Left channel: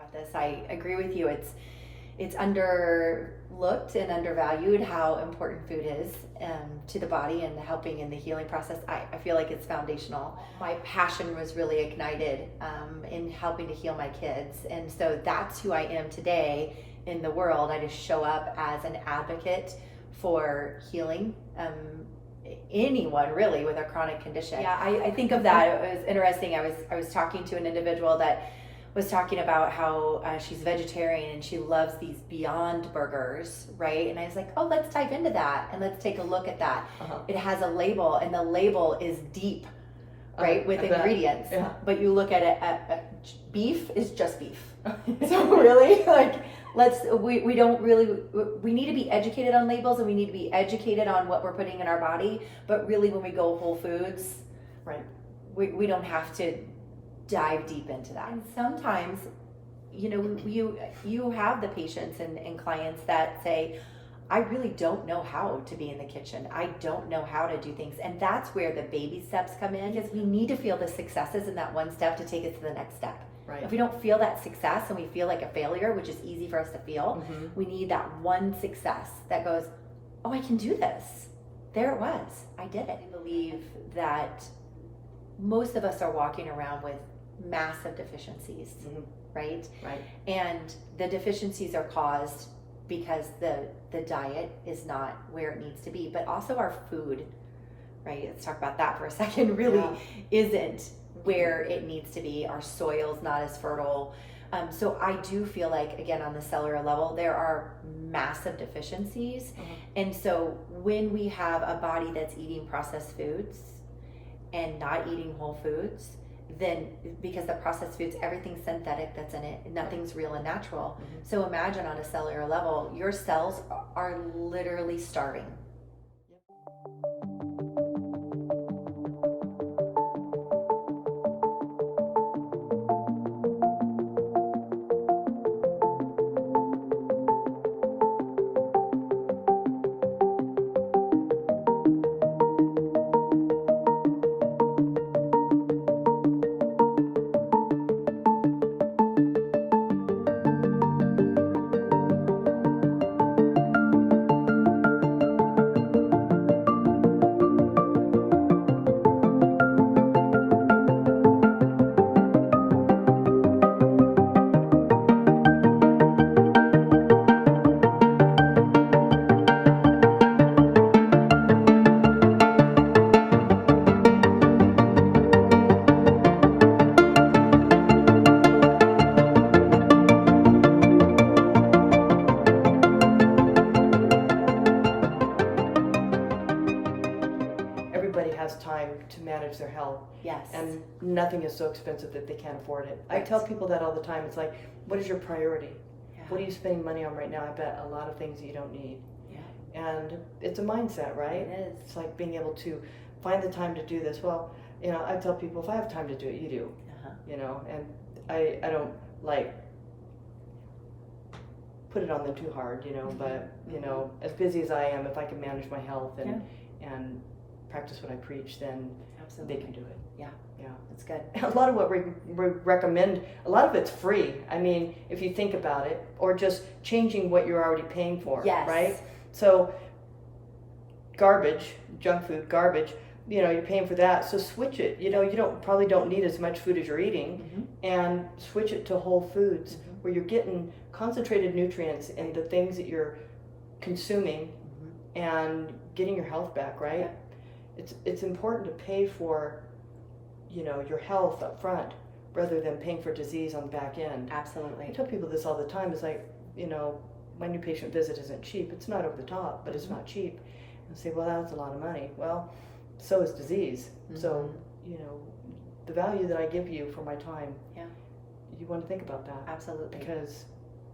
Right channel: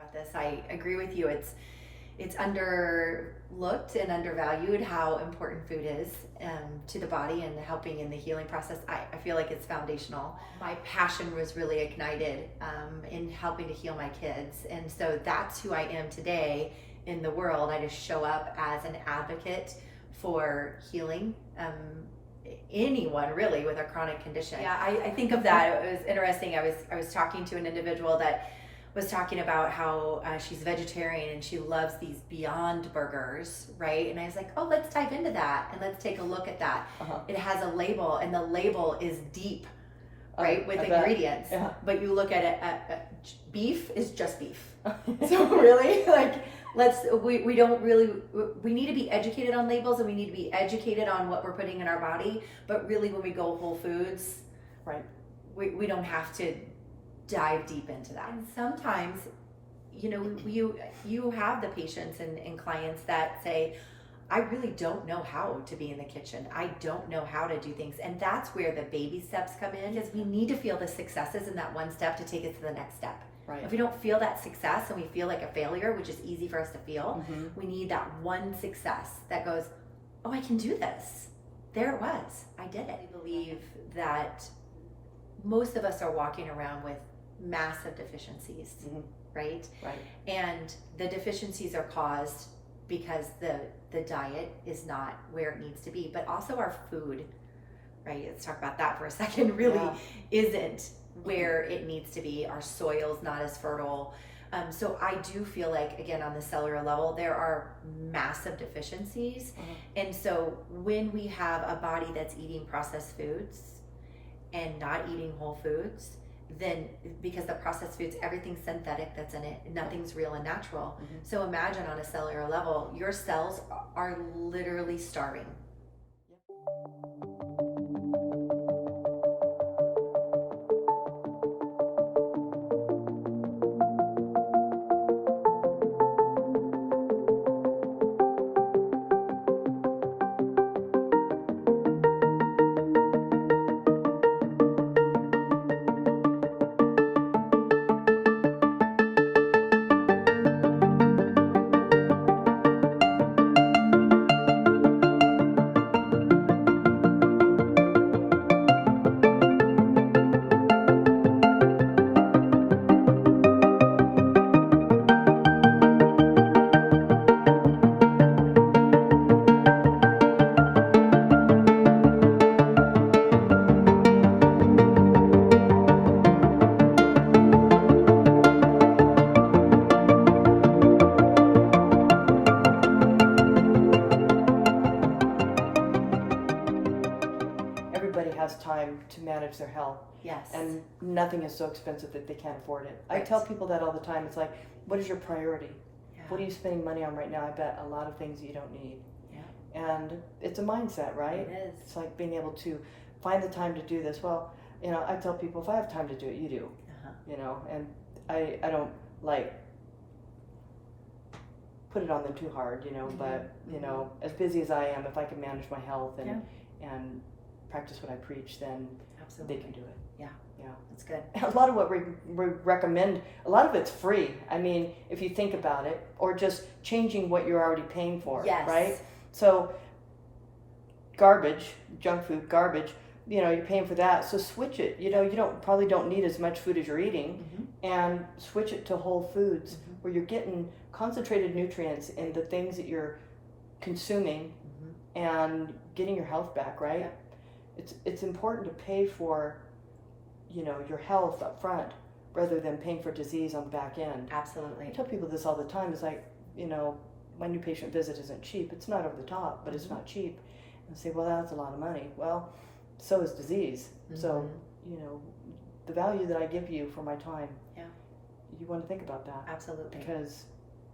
About this, I agree with you. It's underlooked and undervalued how important food is to the body and helping in the healing process. I feel like it's foundational. My passion was really ignited in helping to heal my kids, and so that's who I am today in the world. I just show up as an advocate for healing anyone really with a chronic condition. Yeah, I think of that. It was interesting. I was talking to an individual that was talking about how she's vegetarian and she loves these Beyond Burgers, right? And I was like, oh, let's dive into that and let's take a look at that. It has a label, and the label is deep, right, with ingredients. Yeah. But you look at it, beef is just beef. So really, like, we don't really, we need to be educated on labels, and we need to be educated on what we're putting in our body. But really, when we go whole foods, right, we don't have to dive deep into that. And sometimes, you have the patients and clients that say, I really don't know how to be in the kitchen. I don't know how to do things. And that's where the baby steps come in, because we need to feel the successes in that one step to take it to the next step. Right. If we don't feel that success and we feel like a failure, which is easy for us to feel, we need that one success that goes, oh, I can do this. There it was. I did it. I believe that most of us are walking around with massive deficiencies, right? Right. And the deficiencies are caused because the diet is not where it needs to be, but also our food, right? Let's talk about that for a second. Really isn't where it needs to be. Our soil's not as fertile. So I do feel like, again, on the cellular level, there are massive deficiencies. And so when we have a body that's eating processed foods and not eating whole foods, then because the processed foods, everything's synthetic that's in it, nothing's real and natural. So imagine on a cellular level, your cells are literally starving. Time to manage their health. Yes. And nothing is so expensive that they can't afford it. Right. I tell people that all the time. It's like, what is your priority? Yeah. What are you spending money on right now? I bet a lot of things you don't need. Yeah. And it's a mindset, right? It is. It's like being able to find the time to do this. Well, I tell people, if I have time to do it, you do. And I don't like put it on them too hard, but as busy as I am, if I can manage my health and practice what I preach, then absolutely they can do it. Yeah, that's good. A lot of what we recommend, a lot of it's free. I mean, if you think about it, or just changing what you're already paying for, right? So garbage, junk food, garbage, you're paying for that. So switch it. You probably don't need as much food as you're eating, and switch it to whole foods where you're getting concentrated nutrients in the things that you're consuming and getting your health back, right? Yeah. It's important to pay for, your health up front rather than paying for disease on the back end. Absolutely. I tell people this all the time. It's like, my new patient visit isn't cheap. It's not over the top, but it's not cheap. And I say, well, that's a lot of money. Well, so is disease. So, the value that I give you for my time, you want to think about that. Absolutely. Because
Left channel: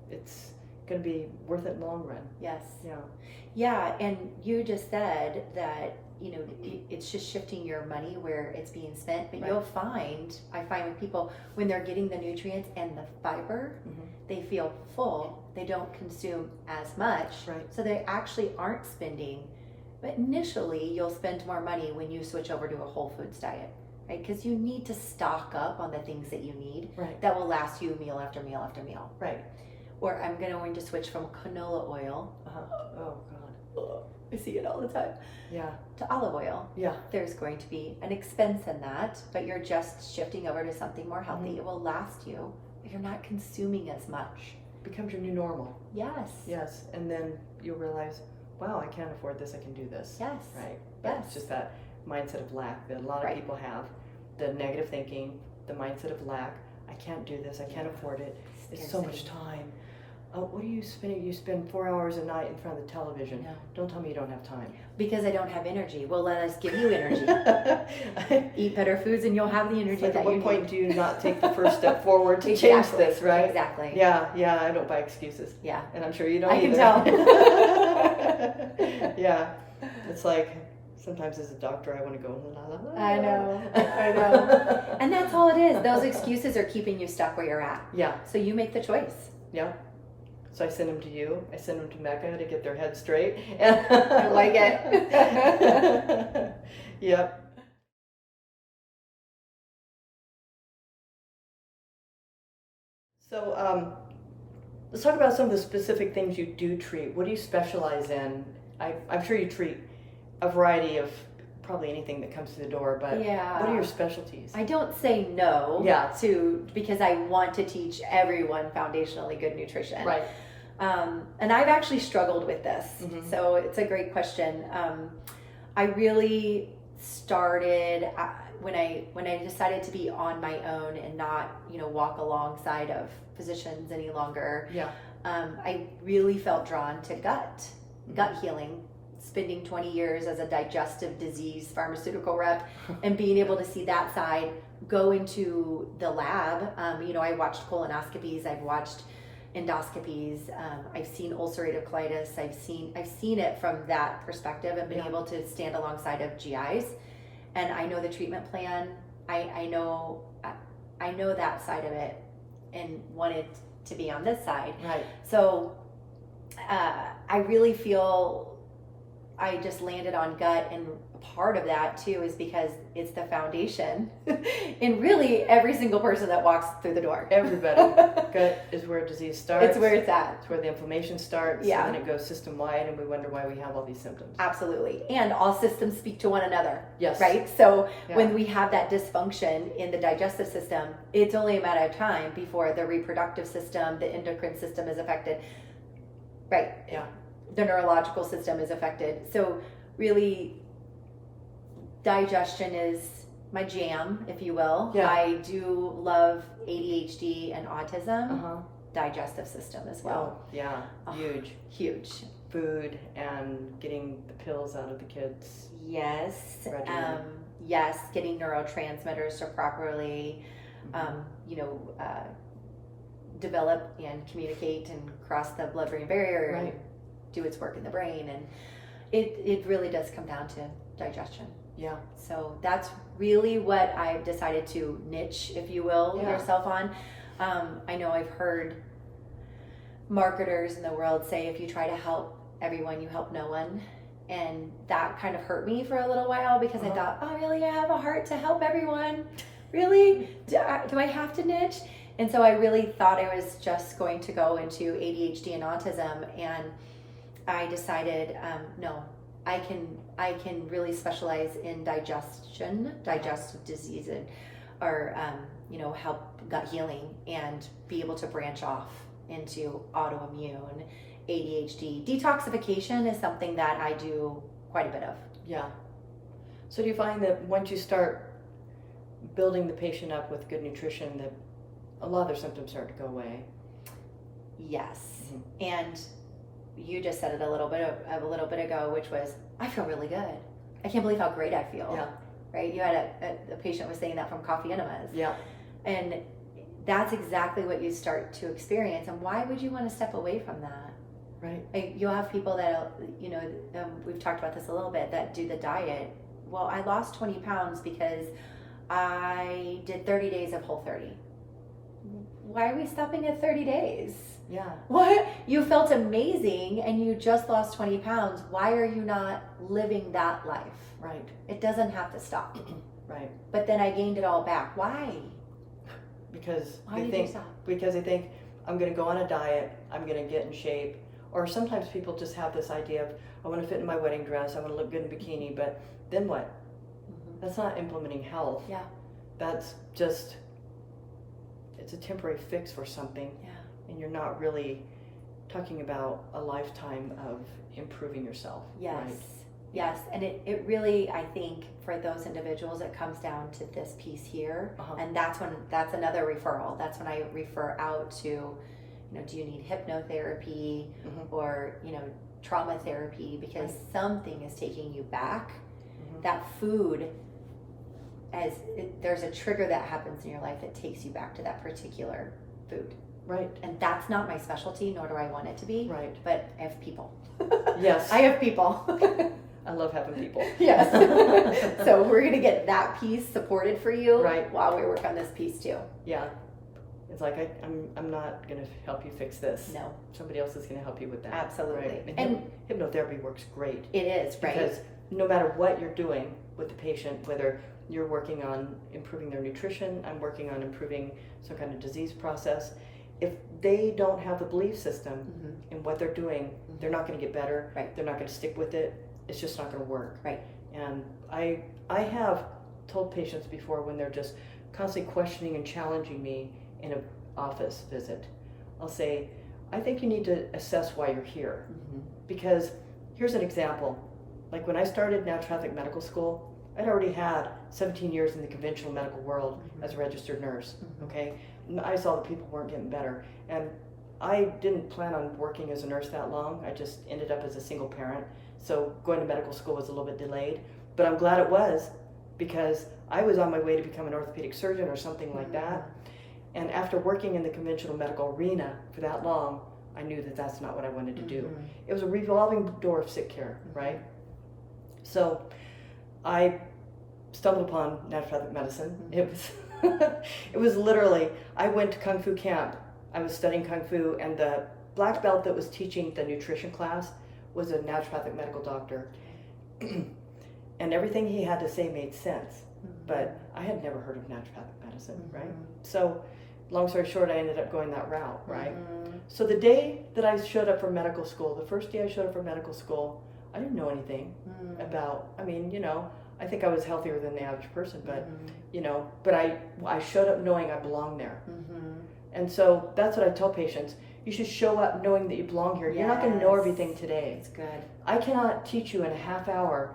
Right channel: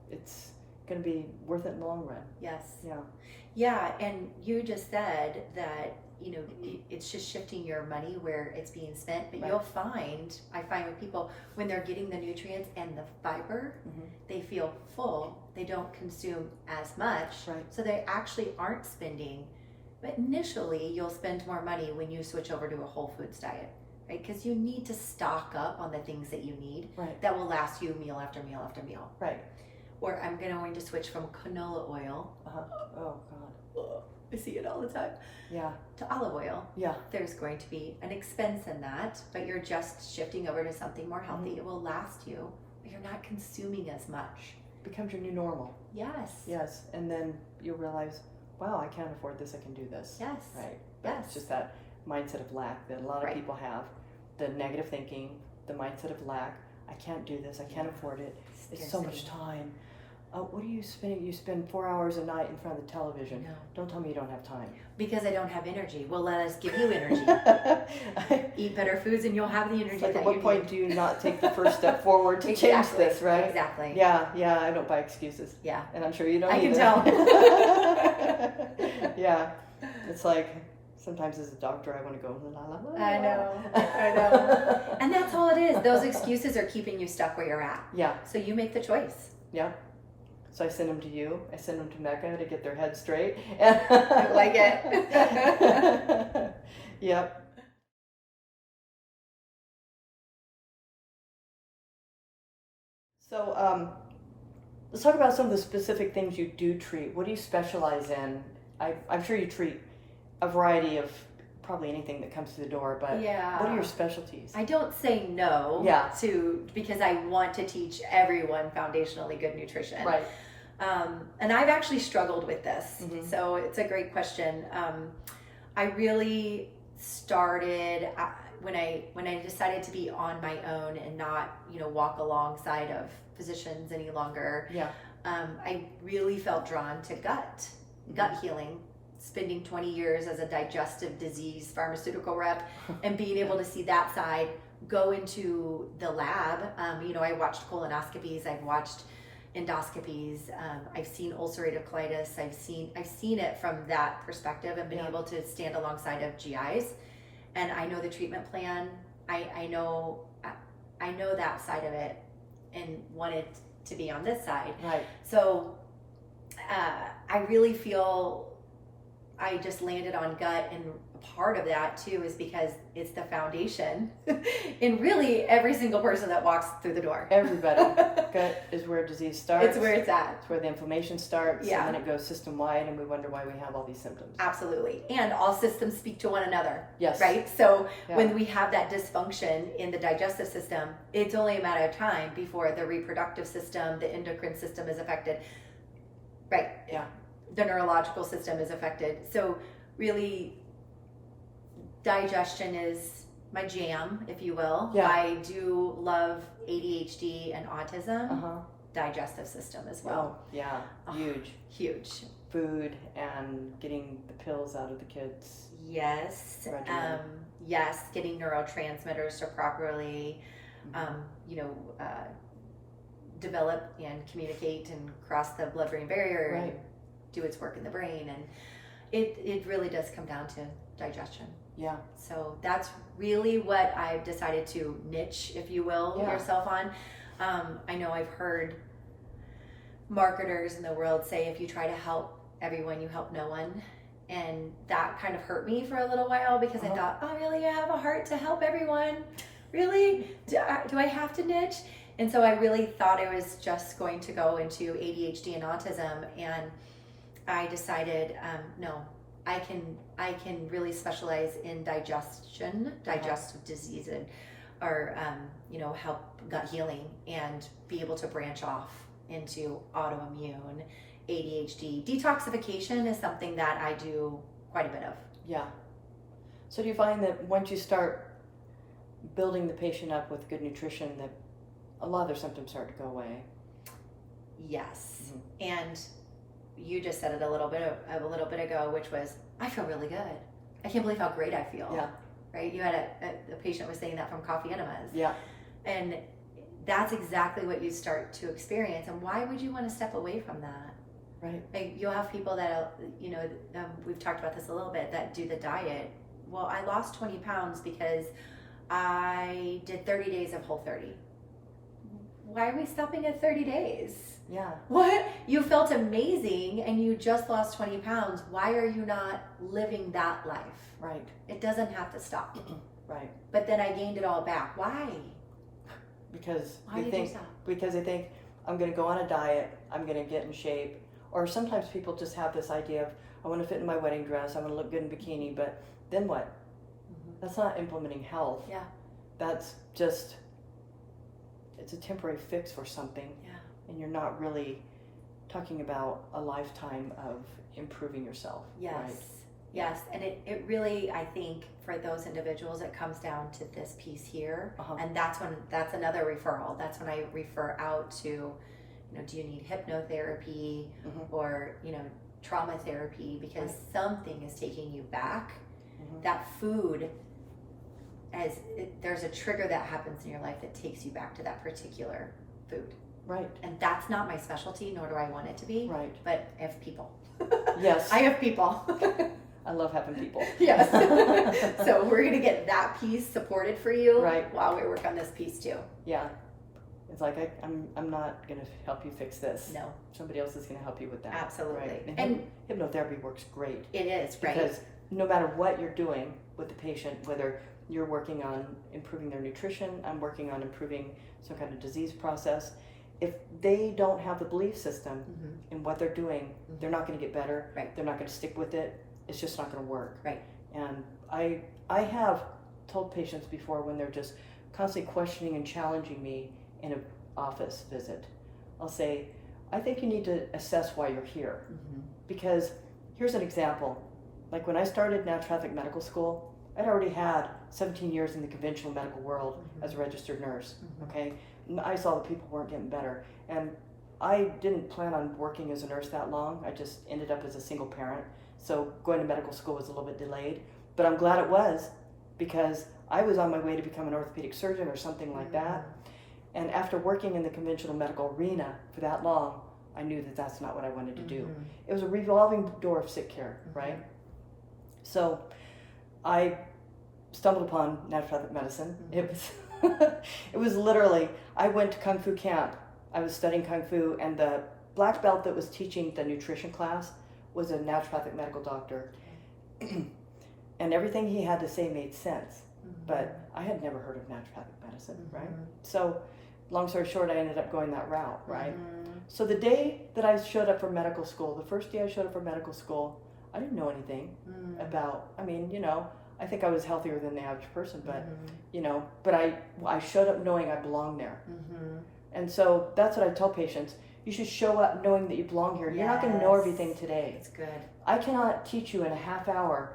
it's going to be worth it in the long run. Yes. Yeah. Yeah, and you just said that, it's just shifting your money where it's being spent, but you'll find, I find with people, when they're getting the nutrients and the fiber, they feel full, they don't consume as much, so they actually aren't spending, but initially you'll spend more money when you switch over to a whole foods diet. right? Because you need to stock up on the things that you need Right. that will last you meal after meal after meal. Right. Or I'm going to switch from canola oil. Oh God. I see it all the time. Yeah. To olive oil. Yeah. There's going to be an expense in that, but you're just shifting over to something more healthy. Mm-hmm. It will last you, but you're not consuming as much. Becomes your new normal. Yes. Yes. And then you'll realize, wow, I can't afford this. I can do this. Yes. Right. But Yes. it's just that mindset of lack that a lot of Right. people have. The negative thinking, the mindset of lack. I can't do this. I can't afford it. It's so much time. Oh, what do you spend? You spend 4 hours a night in front of the television. No. Don't tell me you don't have time. Because I don't have energy. Well, let us give you energy. Eat better foods and you'll have the energy. It's like, that at what you point need. do you not take the first step forward to Exactly. change this, right? Exactly. Yeah, I don't buy excuses. Yeah. And I'm sure you don't I either. can tell. Yeah. It's like, sometimes as a doctor I want to go, la la la. I know. And that's all it is. Those excuses are keeping you stuck where you're at. Yeah. So you make the choice. Yeah. So I send them to you. I send them to Mecca to get their head straight. I like it. Yep. So let's talk about some of the specific things you do treat. What do you specialize in? I'm sure you treat a variety of probably anything that comes through the door, but Yeah. what are your specialties? I don't say no Yeah. to because I want to teach everyone foundationally good nutrition. Right. And I've actually struggled with this, Mhm. so it's a great question. I really started when I decided to be on my own and not walk alongside of physicians any longer. Yeah. I really felt drawn to gut healing. Spending 20 years as a digestive disease pharmaceutical rep and being able to see that side, go into the lab. I watched colonoscopies, I've watched endoscopies, I've seen ulcerative colitis, I've seen it from that perspective and been able to stand alongside of GIs, and I know the treatment plan. I know that side of it and wanted to be on this side. Right. So I really feel I just landed on gut, and part of that too is because it's the foundation in really every single person that walks through the door. Everybody. Gut is where disease starts. It's where it's at. It's where the inflammation starts. Yeah. And then it goes system-wide, and we wonder why we have all these symptoms. Absolutely. And all systems speak to one another. Yes. Right? So Yeah. when we have that dysfunction in the digestive system, it's only a matter of time before the reproductive system, the endocrine system is affected. Right. Yeah. The neurological system is affected. So really, digestion is my jam, if you will. Yeah. I do love ADHD and autism. Uh-huh. Digestive system as well. Oh, yeah. Oh. Huge. Huge. Food and getting the pills out of the kids. Yes. Regimen. Yes. Getting neurotransmitters to properly, develop and communicate and cross the blood-brain barrier. Right. And do its work in the brain, and it really does come down to digestion. Yeah. So that's really what I've decided to niche, if you will, Yeah. yourself on. I know I've heard marketers in the world say if you try to help everyone, you help no one. And that kind of hurt me for a little while because I thought, oh, really? I have a heart to help everyone? Really? Do I have to niche? And so I really thought I was just going to go into ADHD and autism, and I decided, no, I can really specialize in digestive disease, or help gut healing, and be able to branch off into autoimmune, ADHD. Detoxification is something that I do quite a bit of. Yeah. So do you find that once you start building the patient up with good nutrition, that a lot of their symptoms start to go away? Yes. And you just said it a little bit ago, which was, I feel really good. I can't believe how great I feel. Yeah. Right? You had a patient was saying that from coffee enemas. Yeah. And that's exactly what you start to experience. And why would you want to step away from that? Right. Like, you'll have people that, we've talked about this a little bit, that do the diet. Well, I lost 20 pounds because I did 30 days of Whole30. Why are we stopping at 30 days? Yeah. What? You felt amazing and you just lost 20 pounds. Why are you not living that life? Right. It doesn't have to stop. Right. But then I gained it all back. Why? Because Why did you stop? Because they think I'm going to go on a diet, I'm going to get in shape, or sometimes people just have this idea of I want to fit in my wedding dress, I want to look good in bikini, but then what? Mm-hmm. That's not implementing health. Yeah. That's just, it's a temporary fix for something. Yeah. And you're not really talking about a lifetime of improving yourself. Yes. Right? Yes. And it really, I think for those individuals, it comes down to this piece here. And that's another referral. That's when I refer out to, do you need hypnotherapy or, trauma therapy, because something is taking you back. That food, there's a trigger that happens in your life that takes you back to that particular food. Right. And that's not my specialty, nor do I want it to be. Right. But I have people. Yes. I have people. I love having people. Yes. So we're going to get that piece supported for you while we work on this piece too. Yeah. It's like, I'm not going to help you fix this. No. Somebody else is going to help you with that. Absolutely. Right? And hypnotherapy works great. It is, right? Because no matter what you're doing with the patient, whether you're working on improving their nutrition, I'm working on improving some kind of disease process, if they don't have the belief system in what they're doing, they're not going to get better. Right. They're not going to stick with it. It's just not going to work. Right. And I have told patients before, when they're just constantly questioning and challenging me in an office visit, I'll say, I think you need to assess why you're here. Because here's an example. Like when I started naturopathic medical school, I'd already had 17 years in the conventional medical world as a registered nurse. Okay, I saw that people weren't getting better, and I didn't plan on working as a nurse that long. I just ended up as a single parent, so going to medical school was a little bit delayed, but I'm glad it was, because I was on my way to become an orthopedic surgeon or something like that. And after working in the conventional medical arena for that long, I knew that that's not what I wanted to do. It was a revolving door of sick care, right? So I stumbled upon naturopathic medicine. It was it was literally, I went to Kung Fu camp. I was studying Kung Fu, and the black belt that was teaching the nutrition class was a naturopathic medical doctor. And everything he had to say made sense. But I had never heard of naturopathic medicine, right? So long story short, I ended up going that route, right? So the day that I showed up for medical school, the first day I showed up for medical school, I didn't know anything about, I think I was healthier than the average person, but, but I showed up knowing I belonged there. And so that's what I tell patients. You should show up knowing that you belong here. You're not going to know everything today. It's good. I cannot teach you in a half hour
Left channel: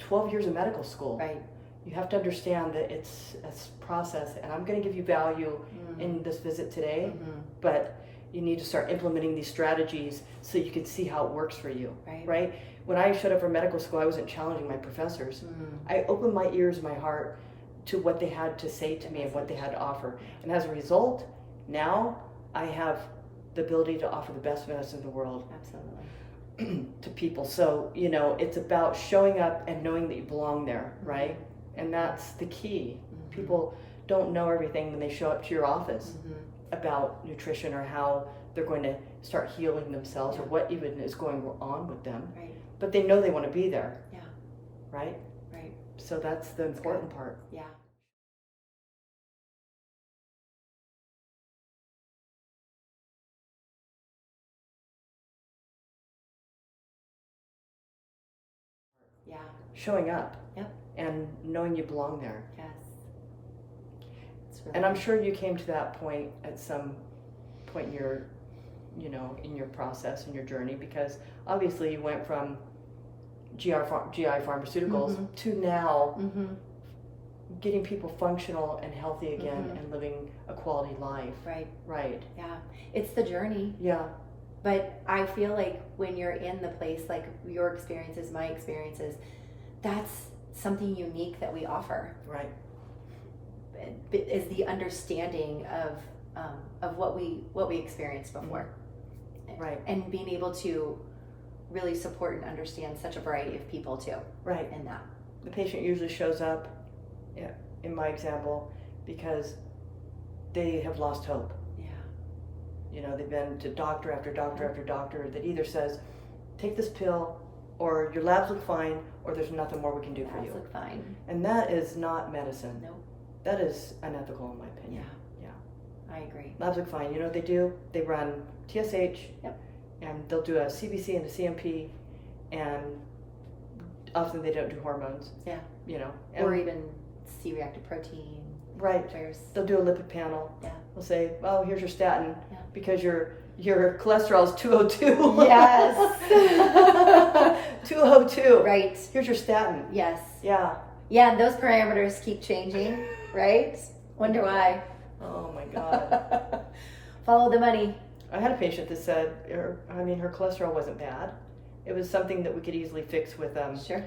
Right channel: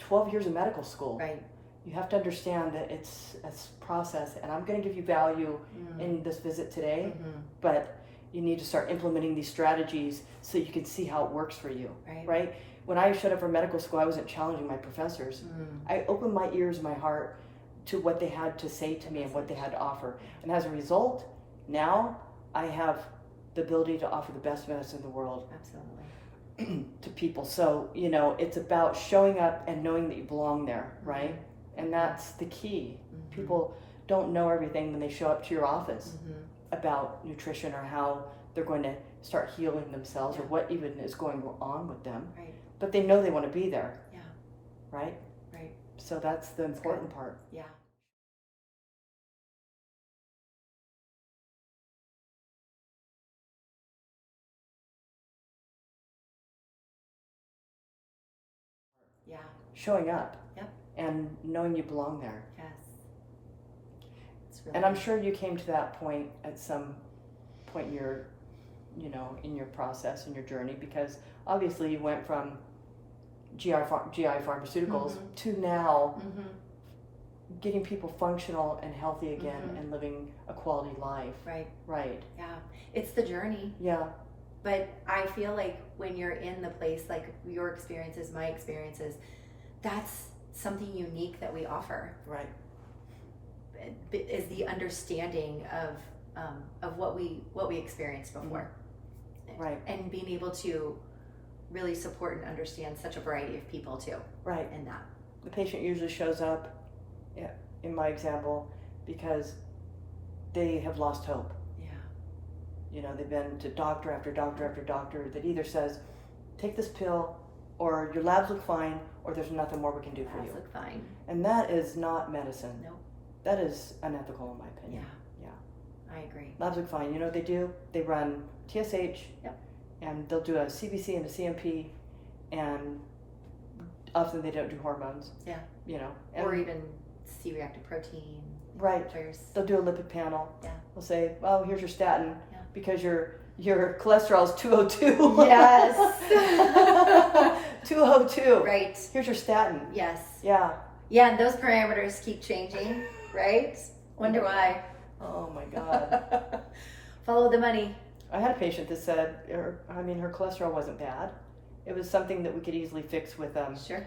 12 years of medical school. Right. You have to understand that it's a process, and I'm going to give you value in this visit today, but you need to start implementing these strategies so you can see how it works for you, right? When I showed up for medical school, I wasn't challenging my professors. I opened my ears and my heart to what they had to say to me and what they had to offer. And as a result, now I have the ability to offer the best medicine in the world. Absolutely. To people. So, it's about showing up and knowing that you belong there, right? And that's the key. People don't know everything when they show up to your office about nutrition or how they're going to start healing themselves or what even is going on with them. Right. But they know they want to be there. Yeah. Right? Right. So that's the important part. Yeah. Yeah. Showing up. Yep. And knowing you belong there. Yes. Really and I'm sure you came to that point at some point in your, in your process, in your journey, because obviously you went from GI pharmaceuticals to now getting people functional and healthy again and living a quality life. Right. Right. Yeah. It's the journey. Yeah. But I feel like when you're in the place, like your experiences, my experiences, that's something unique that we offer. Right. Is the understanding of what we experienced before. Right. And being able to really support and understand such a variety of people too. Right. In that. The patient usually shows up, in my example, because they have lost hope. Yeah. They've been to doctor after doctor after doctor that either says, take this pill or your labs look fine, or there's nothing more we can do for you. Look fine. And that is not medicine. No. That is unethical in my opinion. Yeah. I agree. Labs look fine. You know what they do? They run TSH, and they'll do a CBC and a CMP, and often they don't do hormones. Yeah. You know. Or even C-reactive protein. Right. They'll do a lipid panel. Yeah. They'll say, well, here's your statin because your cholesterol is 202. Yes. 202. Right. Here's your statin. Yes. Yeah. Yeah, and those parameters keep changing, right? Wonder why. Oh my God. Follow the money. I had a patient that said, her cholesterol wasn't bad. It was something that we could easily fix with Sure.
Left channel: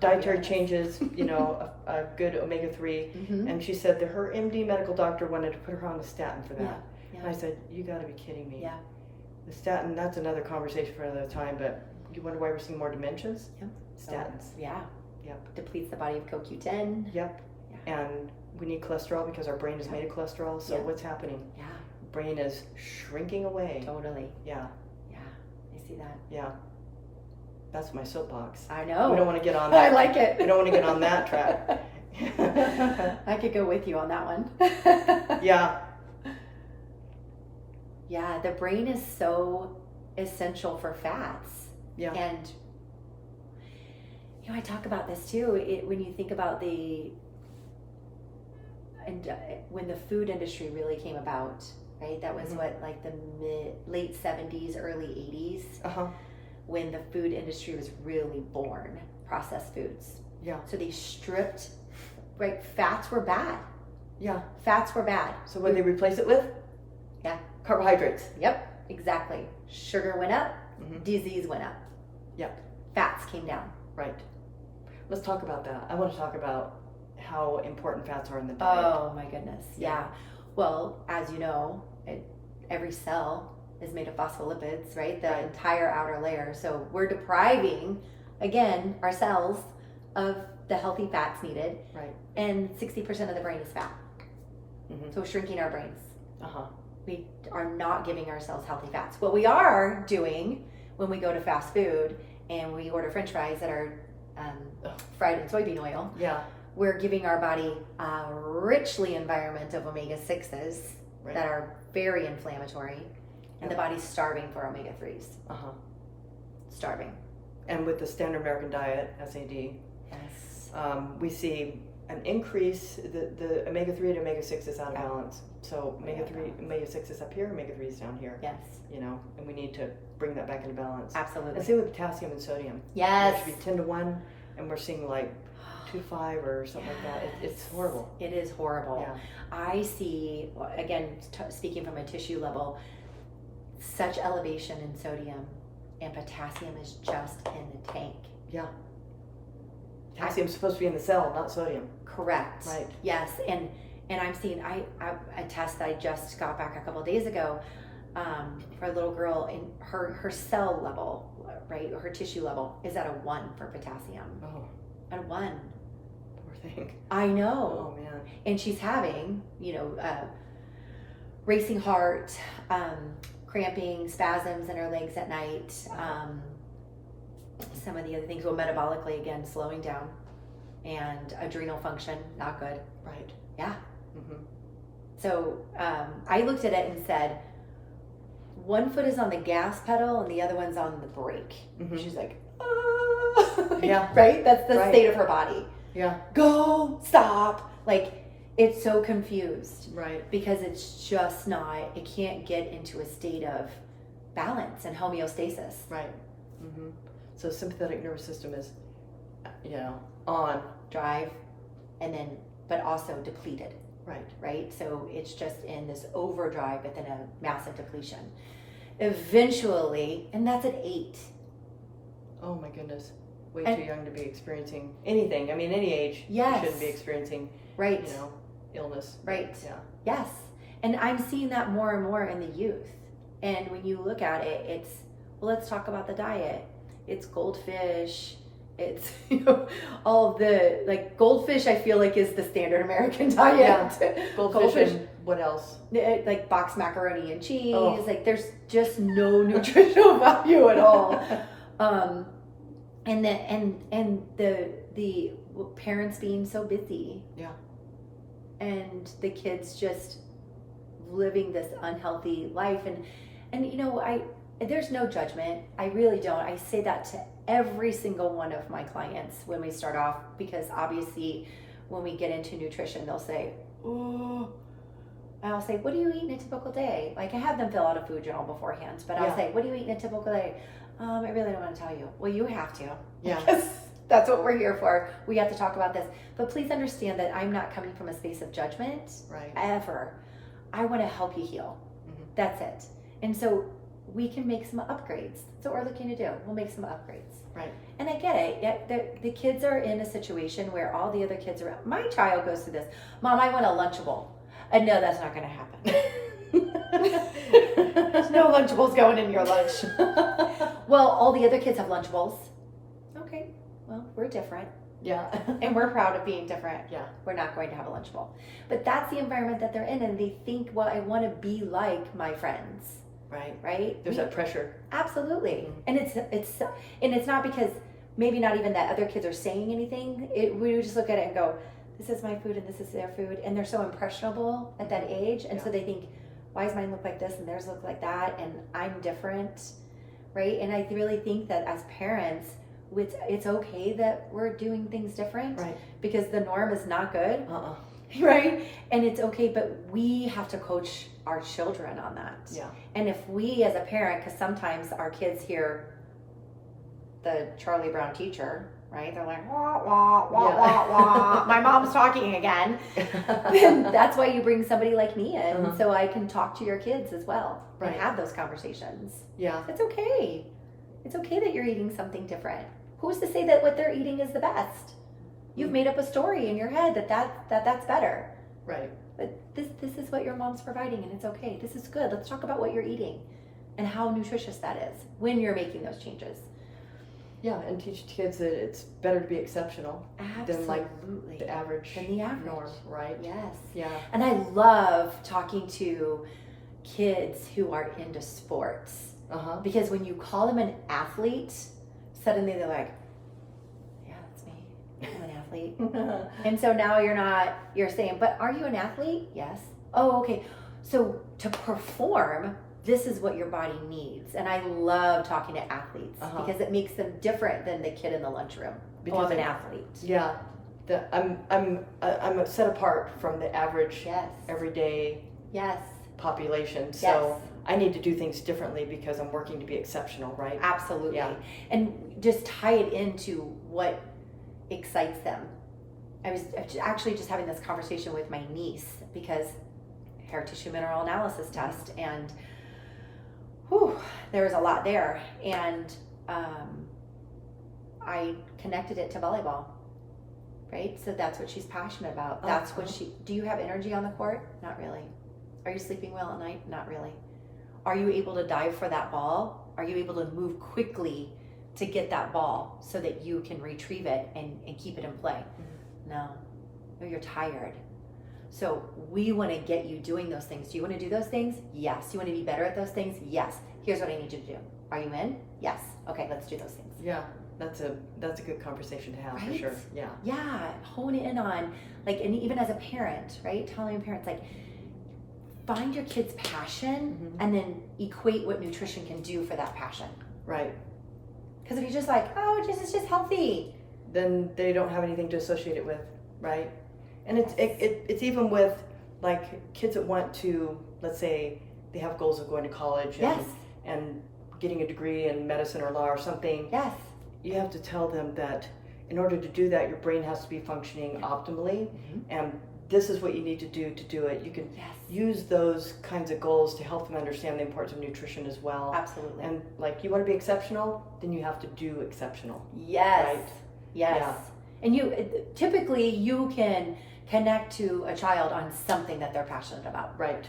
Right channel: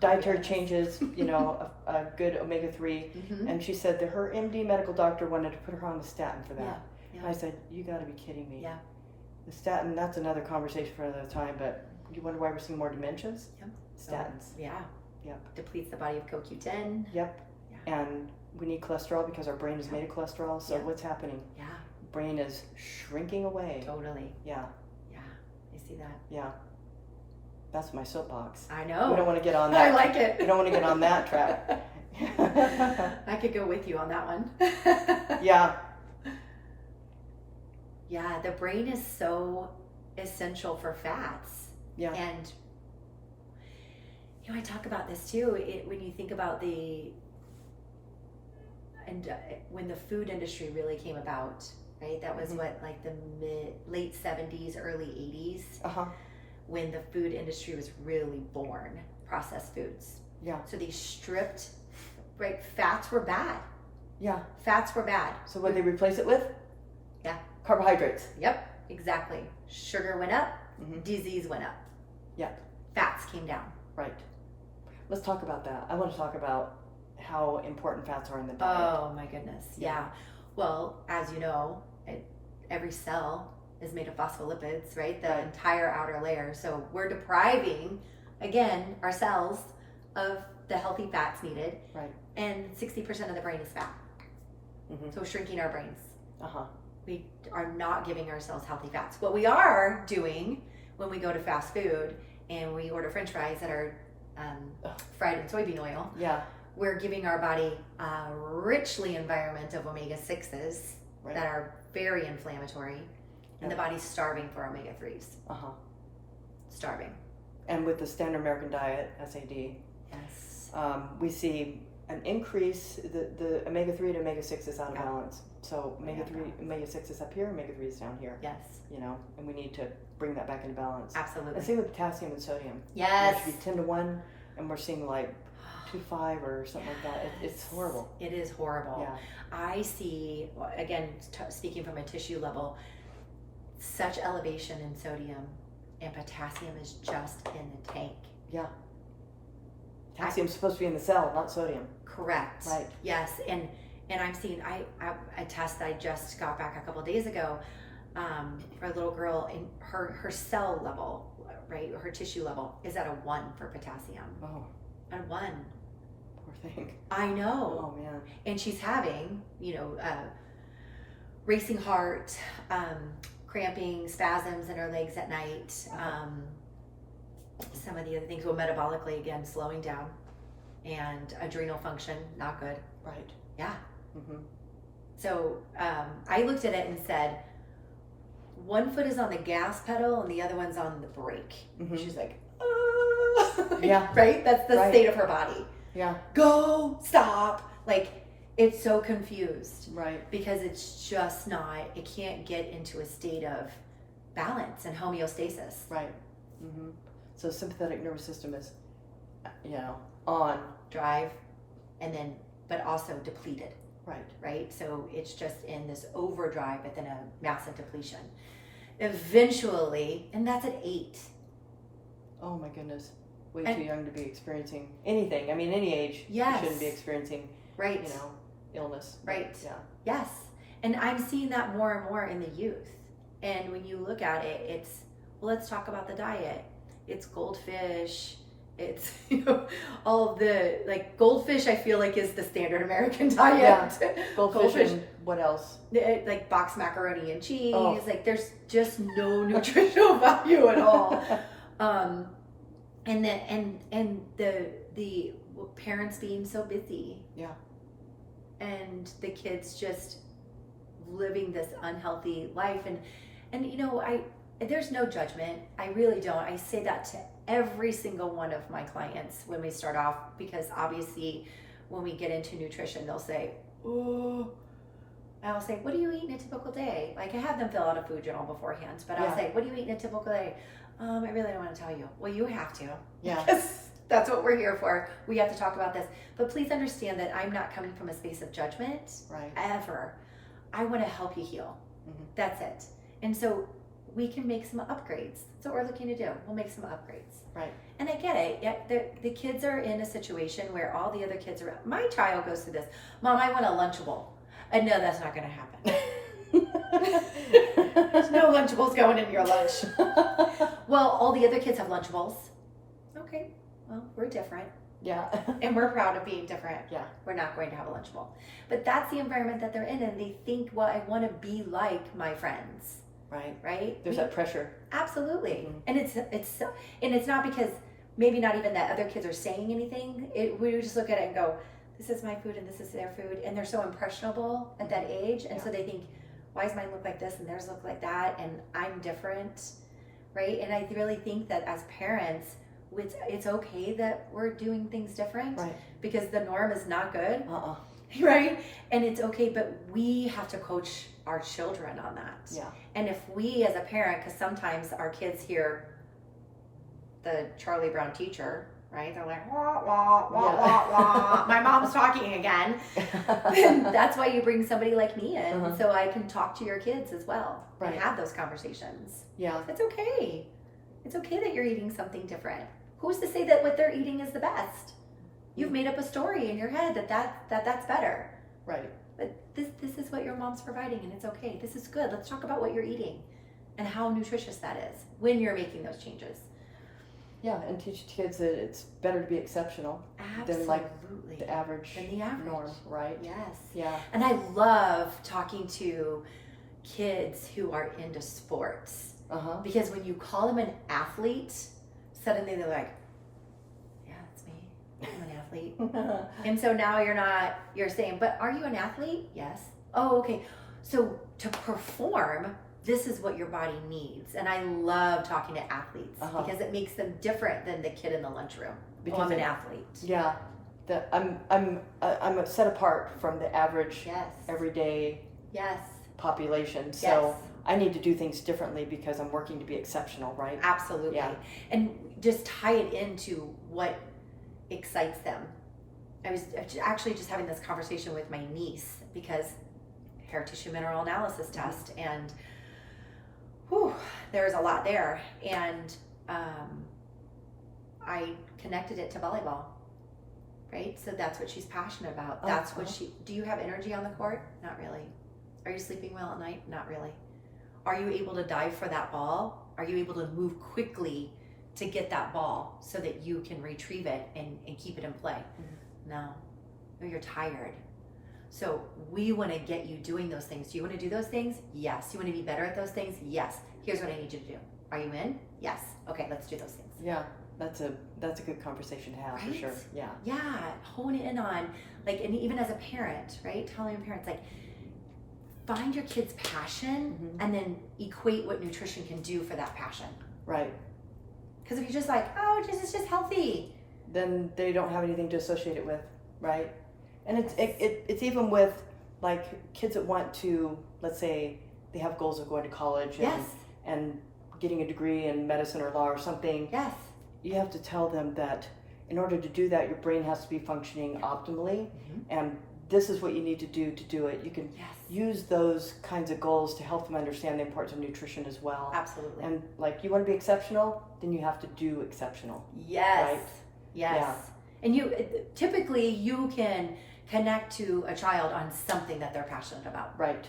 dietary changes, a good omega-3. And she said that her MD medical doctor wanted to put her on the statin for that. Yeah. And I said, you got to be kidding me. Yeah. The statin, that's another conversation for another time, but you wonder why we're seeing more dementias? Yep. Statins. Yeah. Yep. Depletes the body of CoQ10. Yep. Yeah. And we need cholesterol because our brain is made of cholesterol. So what's happening? Yeah. Brain is shrinking away. Totally. Yeah. Yeah. I see that. Yeah. That's my soapbox. I know. We don't want to get on that. I like it. We don't want to get on that track. I could go with you on that one. Yeah. Yeah, the brain is so essential for fats. Yeah. And, I talk about this too. When you think about when the food industry really came about, right? That was what, like the late 70s, early 80s, when the food industry was really born, processed foods. Yeah. So they stripped, right? Fats were bad. Yeah. Fats were bad. So what did they replace it with? Yeah. Carbohydrates. Yep, exactly. Sugar went up, disease went up. Yep. Fats came down. Right. Let's talk about that. I want to talk about how important fats are in the diet. Oh my goodness. Yeah. Well, as you know, every cell is made of phospholipids, right? The entire outer layer. So we're depriving, again, our cells of the healthy fats needed. Right. And 60% of the brain is fat. So we're shrinking our brains. We are not giving ourselves healthy fats. What we are doing when we go to fast food and we order French fries that are fried in soybean oil, we're giving our body a richly environment of omega-6s that are very inflammatory, and the body's starving for omega-3s. Starving. And with the standard American diet, SAD, we see an increase, the omega-3 and omega-6 is out of balance. So omega-3, omega-6 is up here, omega-3 is down here. Yes. And we need to bring that back into balance. Absolutely. And same with potassium and sodium. Yes. It should be 10 to 1, and we're seeing like 2.5 or something like that. It's horrible. It is horrible. Yeah. I see, again, speaking from a tissue level, such elevation in sodium, and potassium is just in the tank. Yeah. Potassium's supposed to be in the cell, not sodium. Correct. Right. Yes, and I'm seeing a test I just got back a couple of days ago for a little girl, and her cell level, right, her tissue level is at a 1 for potassium. Oh. At a 1. Poor thing. I know. Oh man. And she's having, racing heart, cramping, spasms in her legs at night. Some of the other things, metabolically, again, slowing down, and adrenal function, not good. Right. Yeah. So I looked at it and said, one foot is on the gas pedal and the other one's on the brake. She's like, yeah. Right? That's the state of her body. Yeah. Go, stop. Like, it's so confused. Right. Because it's just not, it can't get into a state of balance and homeostasis. Right. So sympathetic nervous system is, on. Drive, and then, but also depleted. Right. Right? So it's just in this overdrive, but then a massive depletion. Eventually, and that's at 8. Oh my goodness. Way too young to be experiencing anything. I mean, any age, you shouldn't be experiencing, illness. Right. Yeah. Yes. And I'm seeing that more and more in the youth. And when you look at it, it's, let's talk about the diet. It's goldfish. It's, all of the, goldfish I feel like is the standard American diet. Yeah. Goldfish and what else? Like boxed macaroni and cheese. There's just no nutritional value at all. And the parents being so busy. Yeah. And the kids just living this unhealthy life. And you know, there's no judgment. I really don't. I say that to every single one of my clients when we start off, because obviously when we get into nutrition, they'll say, oh, and I'll say, what do you eat in a typical day? Like, I have them fill out a food journal beforehand, but I'll say, what do you eat in a typical day? I really don't want to tell you. Well, you have to. Yeah. That's what we're here for. We have to talk about this. But please understand that I'm not coming from a space of judgment. Right. Ever. I want to help you heal. Mm-hmm. That's it. And so we can make some upgrades. That's what we're looking to do. We'll make some upgrades. Right. And I get it. The kids are in a situation where all the other kids are. My child goes through this. Mom, I want a Lunchable. And no, that's not going to happen. There's no Lunchables going in your lunch. Well, all the other kids have Lunchables. Okay. Well, we're different. Yeah. And we're proud of being different. Yeah. We're not going to have a Lunchable. But that's the environment that they're in, and they think, well, I want to be like my friends. Right. Right? There's that pressure. Absolutely. Mm-hmm. And it's not because maybe not even that other kids are saying anything. We just look at it and go, this is my food and this is their food. And they're so impressionable at that age. And so they think, why does mine look like this and theirs look like that? And I'm different. Right? And I really think that as parents, it's okay that we're doing things different. Right. Because the norm is not good. Right? And it's okay, but we have to coach our children on that. Yeah. And if we as a parent, because sometimes our kids hear the Charlie Brown teacher, right? They're like, wah, wah, wah, wah, wah. My mom's talking again. That's why you bring somebody like me in, so I can talk to your kids as well. Right. And have those conversations. Yeah. It's okay. It's okay that you're eating something different. Who's to say that what they're eating is the best? You've made up a story in your head that's better. Right. But this is what your mom's providing, and it's okay. This is good. Let's talk about what you're eating and how nutritious that is when you're making those changes. Yeah, and teach kids that it's better to be exceptional than like the average norm, right? Yes. Yeah. And I love talking to kids who are into sports. Because when you call them an athlete, suddenly they're like, I'm an athlete. And so now you're saying, but are you an athlete? Yes. Oh, okay. So to perform, this is what your body needs. And I love talking to athletes because it makes them different than the kid in the lunchroom. Because I'm an athlete. Yeah. I'm set apart from the average everyday population. So I need to do things differently because I'm working to be exceptional, right? Absolutely. Yeah. And just tie it into what excites them. I was actually just having this conversation with my niece because hair tissue mineral analysis test, and there was a lot there, and I connected it to volleyball, right? So that's what she's passionate about. That's what do you have energy on the court? Not really. Are you sleeping well at night? Not really. Are you able to dive for that ball? Are you able to move quickly to get that ball so that you can retrieve it and keep it in play? No, you're tired. So we want to get you doing those things. Do you want to do those things? Yes. You want to be better at those things? Yes. Here's what I need you to do. Are you in? Yes. Okay, let's do those things. Yeah, that's a good conversation to have, for sure. Yeah. Yeah, hone in on, like, and even as a parent, right? Telling your parents, like, find your kid's passion and then equate what nutrition can do for that passion. Right. Because if you're just like, it's just healthy, then they don't have anything to associate it with, right? And it's even with like kids that want to, let's say they have goals of going to college and getting a degree in medicine or law or something. Yes. You have to tell them that in order to do that, your brain has to be functioning optimally, and this is what you need to do it. You can use those kinds of goals to help them understand the importance of nutrition as well. Absolutely. And like, you want to be exceptional, then you have to do exceptional. Yes. Right? Yes. Yeah. And you can connect to a child on something that they're passionate about. Right.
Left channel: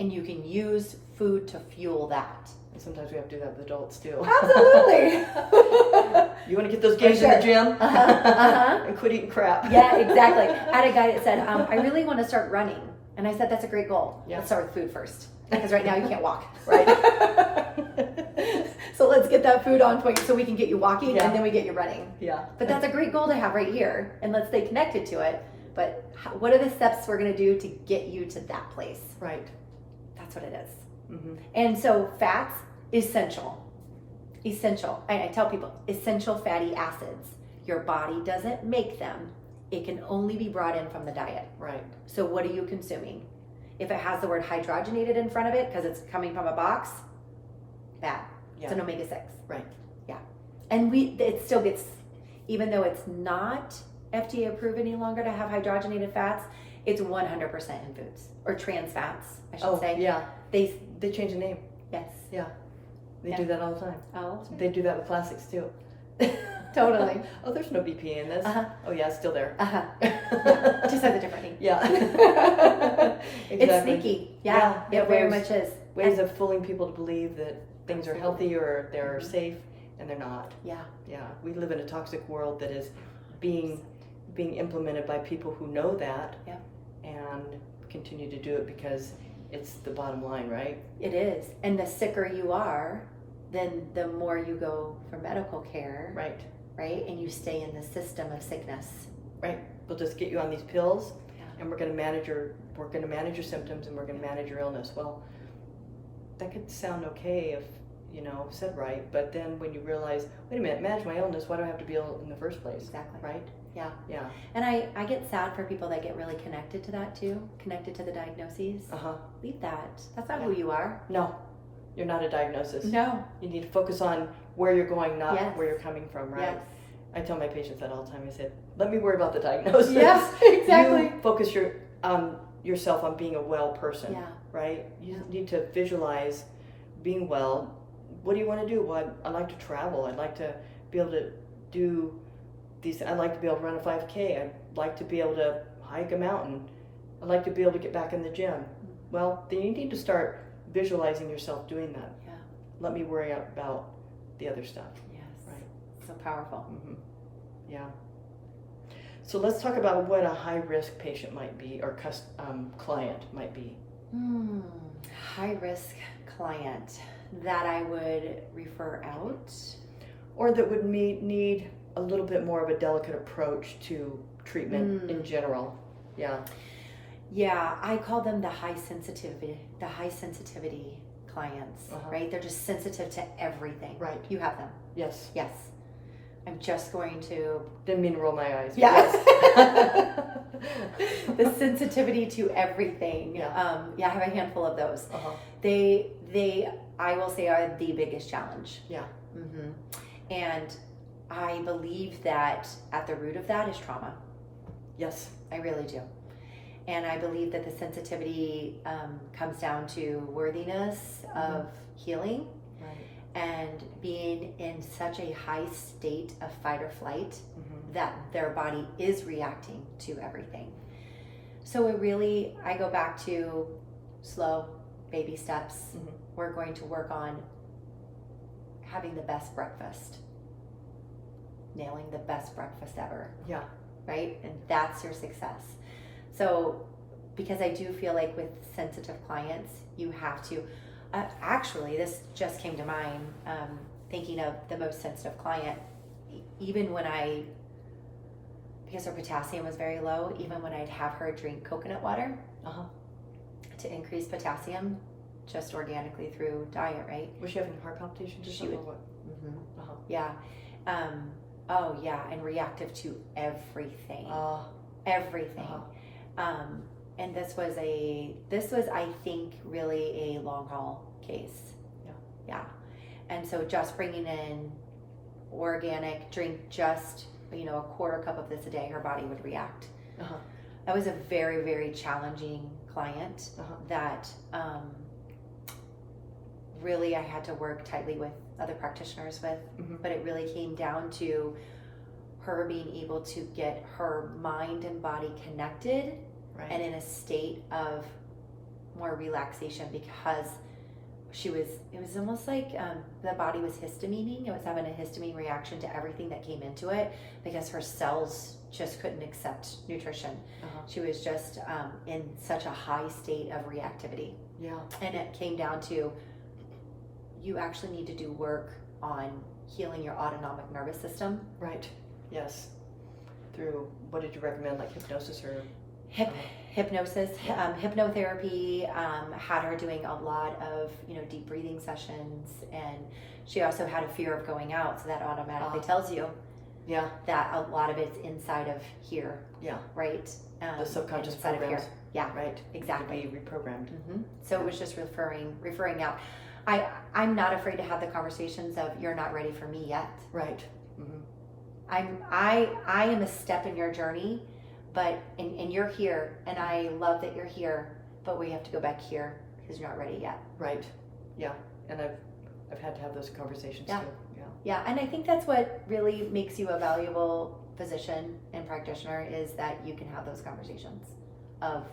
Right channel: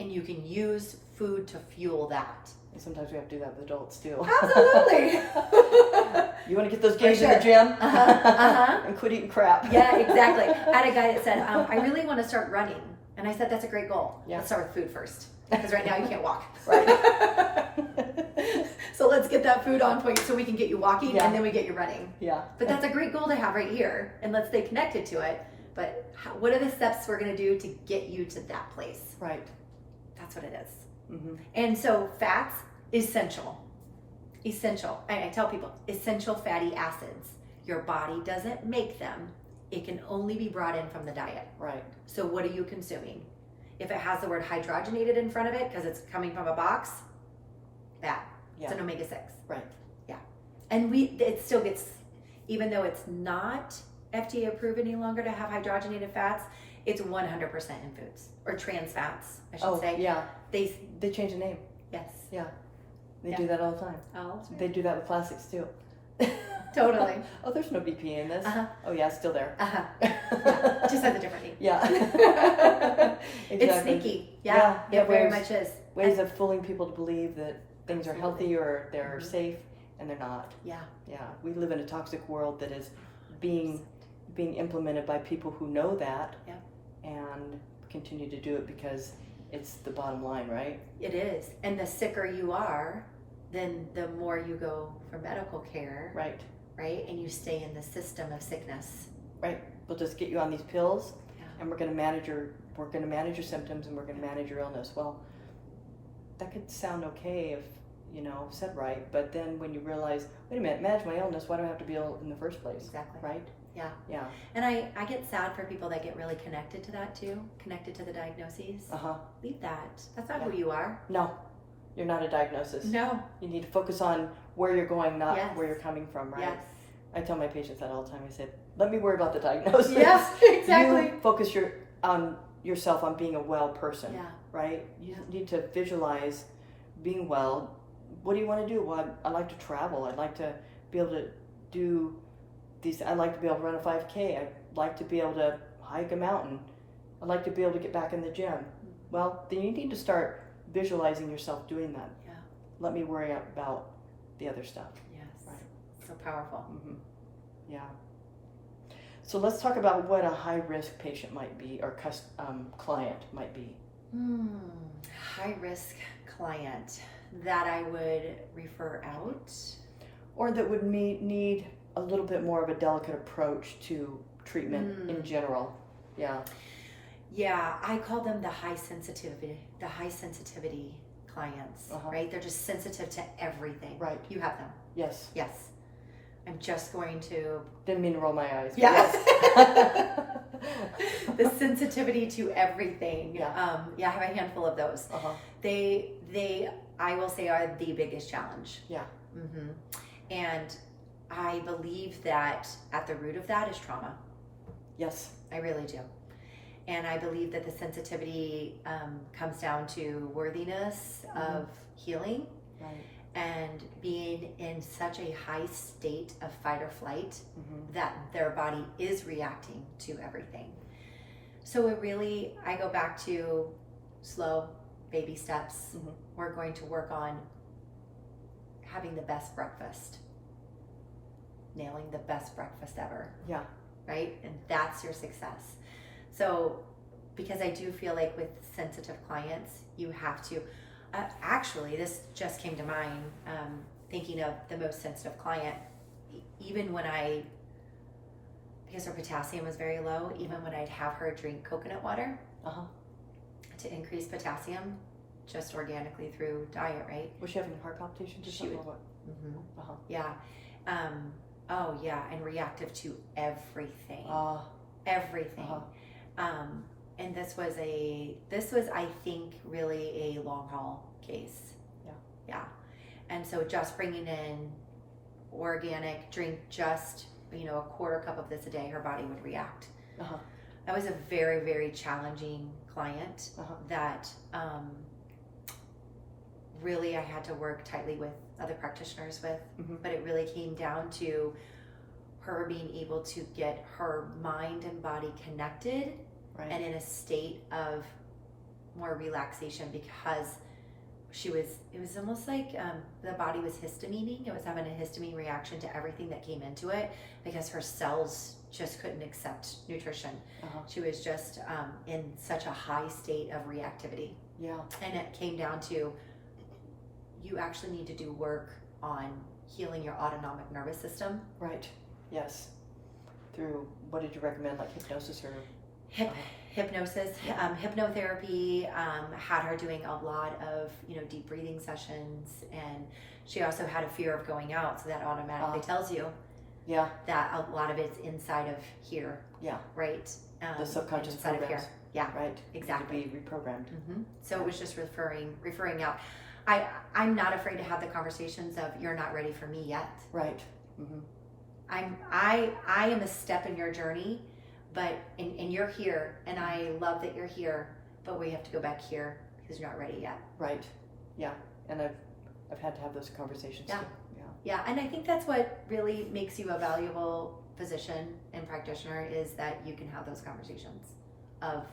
And you can use food to fuel that. And sometimes we have to do that with adults too. Absolutely. You want to get those gains in the gym? And quit eating crap. Yeah, exactly. I had a guy that said, I really want to start running. And I said, that's a great goal. Yeah. Let's start with food first. Because right now you can't walk. Right. So let's get that food on point so we can get you walking and then we get you running. Yeah. But that's a great goal to have right here, and let's stay connected to it. But what are the steps we're going to do to get you to that place? Right. That's what it is. Mm-hmm. And so fats, essential. I tell people, essential fatty acids. Your body doesn't make them. It can only be brought in from the diet. Right. So what are you consuming? If it has the word hydrogenated in front of it because it's coming from a box, bad. Yeah. It's an omega-6. Right. Yeah. And it still gets, even though it's not FDA approved any longer to have hydrogenated fats, it's 100% in foods. Or trans fats, I should say. Yeah. They change the name. Yes. Yeah. They do that all the time. Oh. They do that with plastics too. Totally. Oh, there's no BPA in this. Uh-huh. Oh yeah, it's still there. Uh-huh. Just has a different name. Yeah. Exactly. It's sneaky. Yeah, it very much is. Ways of fooling people to believe that things are healthy or they're safe, and they're not. Yeah. Yeah. We live in a toxic world that is being implemented by people who know that and continue to do it because it's the bottom line, right? It is. And the sicker you are, then the more you go for medical care. Right. Right? And you stay in the system of sickness. Right. We'll just get you on these pills Yeah. and we're going to manage your symptoms and we're going to manage your illness. Well, that could sound okay if, said right, but then when you realize, wait a minute, manage my illness, why do I have to be ill in the first place? Exactly. Right? Yeah. Yeah. And I get sad for people that get really connected to that too, connected to the diagnoses. Uh-huh. Leave that. That's not who you are. No. You're not a diagnosis. No. You need to focus on where you're going, not Yes. where you're coming from, right? Yes. I tell my patients that all the time. I said, let me worry about the diagnosis. Yes, exactly. You focus yourself on being a well person, Yeah. right? You need to visualize being well. What do you want to do? Well, I like to travel. I'd like to be able to do these. I'd like to be able to run a 5K. I'd like to be able to hike a mountain. I'd like to be able to get back in the gym. Well, then you need to start visualizing yourself doing that. Yeah. Let me worry about the other stuff. Yes. Right. So powerful. Mm-hmm. Yeah. So let's talk about what a high-risk patient might be or client might be. High-risk client that I would refer out. Or that would need a little bit more of a delicate approach to treatment in general. Yeah. Yeah, I call them the high sensitivity clients, right? They're just sensitive to everything. Right. You have them. Yes. Yes. I'm just going to... Didn't mean to roll my eyes. Yes. The sensitivity to everything. Yeah. I have a handful of those. Uh-huh. They, I will say, are the biggest challenge. Yeah. Mm-hmm. And I believe that at the root of that is trauma. Yes. I really do. And I believe that the sensitivity comes down to worthiness of healing. Right. And being in such a high state of fight or flight that their body is reacting to everything. So I go back to slow baby steps. We're going to work on having the best breakfast, nailing the best breakfast ever. Yeah. Right? And that's your success. So, because I do feel like with sensitive clients, you have to, actually, this just came to mind, thinking of the most sensitive client, even when because her potassium was very low, even when I'd have her drink coconut water to increase potassium, just organically through diet, right? Was she having heart palpitations or something? Or what? Yeah. Oh yeah, and reactive to everything. Everything. And this was I think really a long haul case. Yeah. And so just bringing in organic, drink just a quarter cup of this a day, her body would react. That was a very, very challenging client that really I had to work tightly with other practitioners with, but it really came down to her being able to get her mind and body connected and in a state of more relaxation, because it was almost like the body was histamining. It was having a histamine reaction to everything that came into it because her cells just couldn't accept nutrition. She was just in such a high state of reactivity. Yeah. And it came down to, you actually need to do work on healing your autonomic nervous system. Right. Yes. Through, what did you recommend, like hypnosis or? Hypnosis, hypnotherapy, had her doing a lot of, deep breathing sessions, and she also had a fear of going out, so that automatically tells you that a lot of it's inside of here. Yeah. Right? The subconscious programs. Yeah. Right. Exactly. To be reprogrammed. Mm-hmm. So it was just referring out. I'm not afraid to have the conversations of, you're not ready for me yet. Right. Mm-hmm. I am a step in your journey, but and you're here, and I love that you're here, but we have to go back here because you're not ready yet. Right. Yeah. And I've had to have those conversations too. Yeah. And I think that's what really makes you a valuable physician and practitioner, is that you can have those conversations of,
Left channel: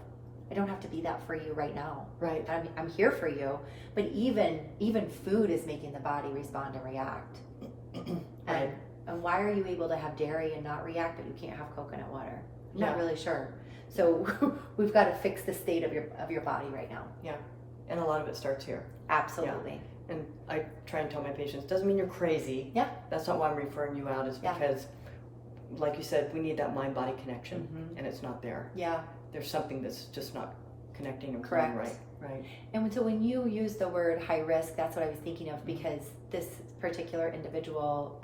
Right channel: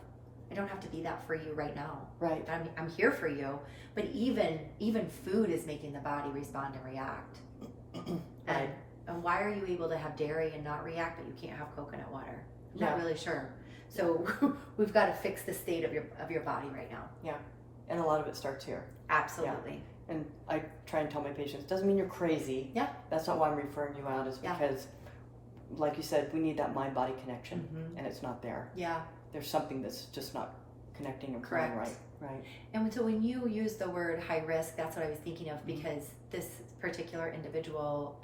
I don't have to be that for you right now. Right. I'm here for you. But even food is making the body respond and react. Right. And why are you able to have dairy and not react, but you can't have coconut water? I'm not really sure. So we've got to fix the state of your body right now. Yeah. And a lot of it starts here. Absolutely. Yeah. And I try and tell my patients, doesn't mean you're crazy. Yeah. That's not why I'm referring you out, is because, like you said, we need that mind-body connection, and it's not there. Yeah. There's something that's just not connecting and flowing right. Right. And so when you use the word high risk, that's what I was thinking of, because this particular individual,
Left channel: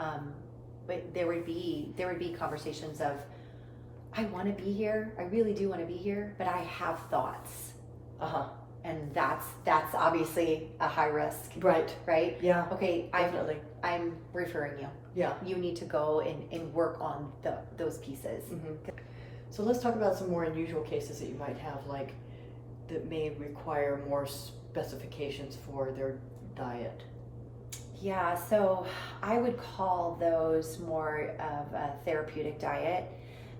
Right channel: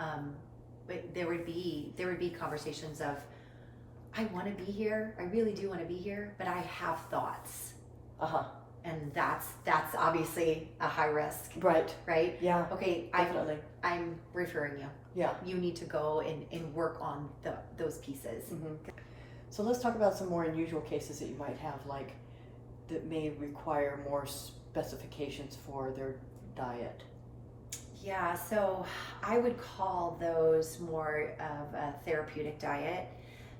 there would be conversations of, I want to be here. I really do want to be here, but I have thoughts. And that's obviously a high risk. Right. Right? Yeah. Okay, definitely. I'm referring you. Yeah. You need to go and work on those pieces. Mm-hmm. So let's talk about some more unusual cases that you might have, like, that may require more specifications for their diet. Yeah, so I would call those more of a therapeutic diet.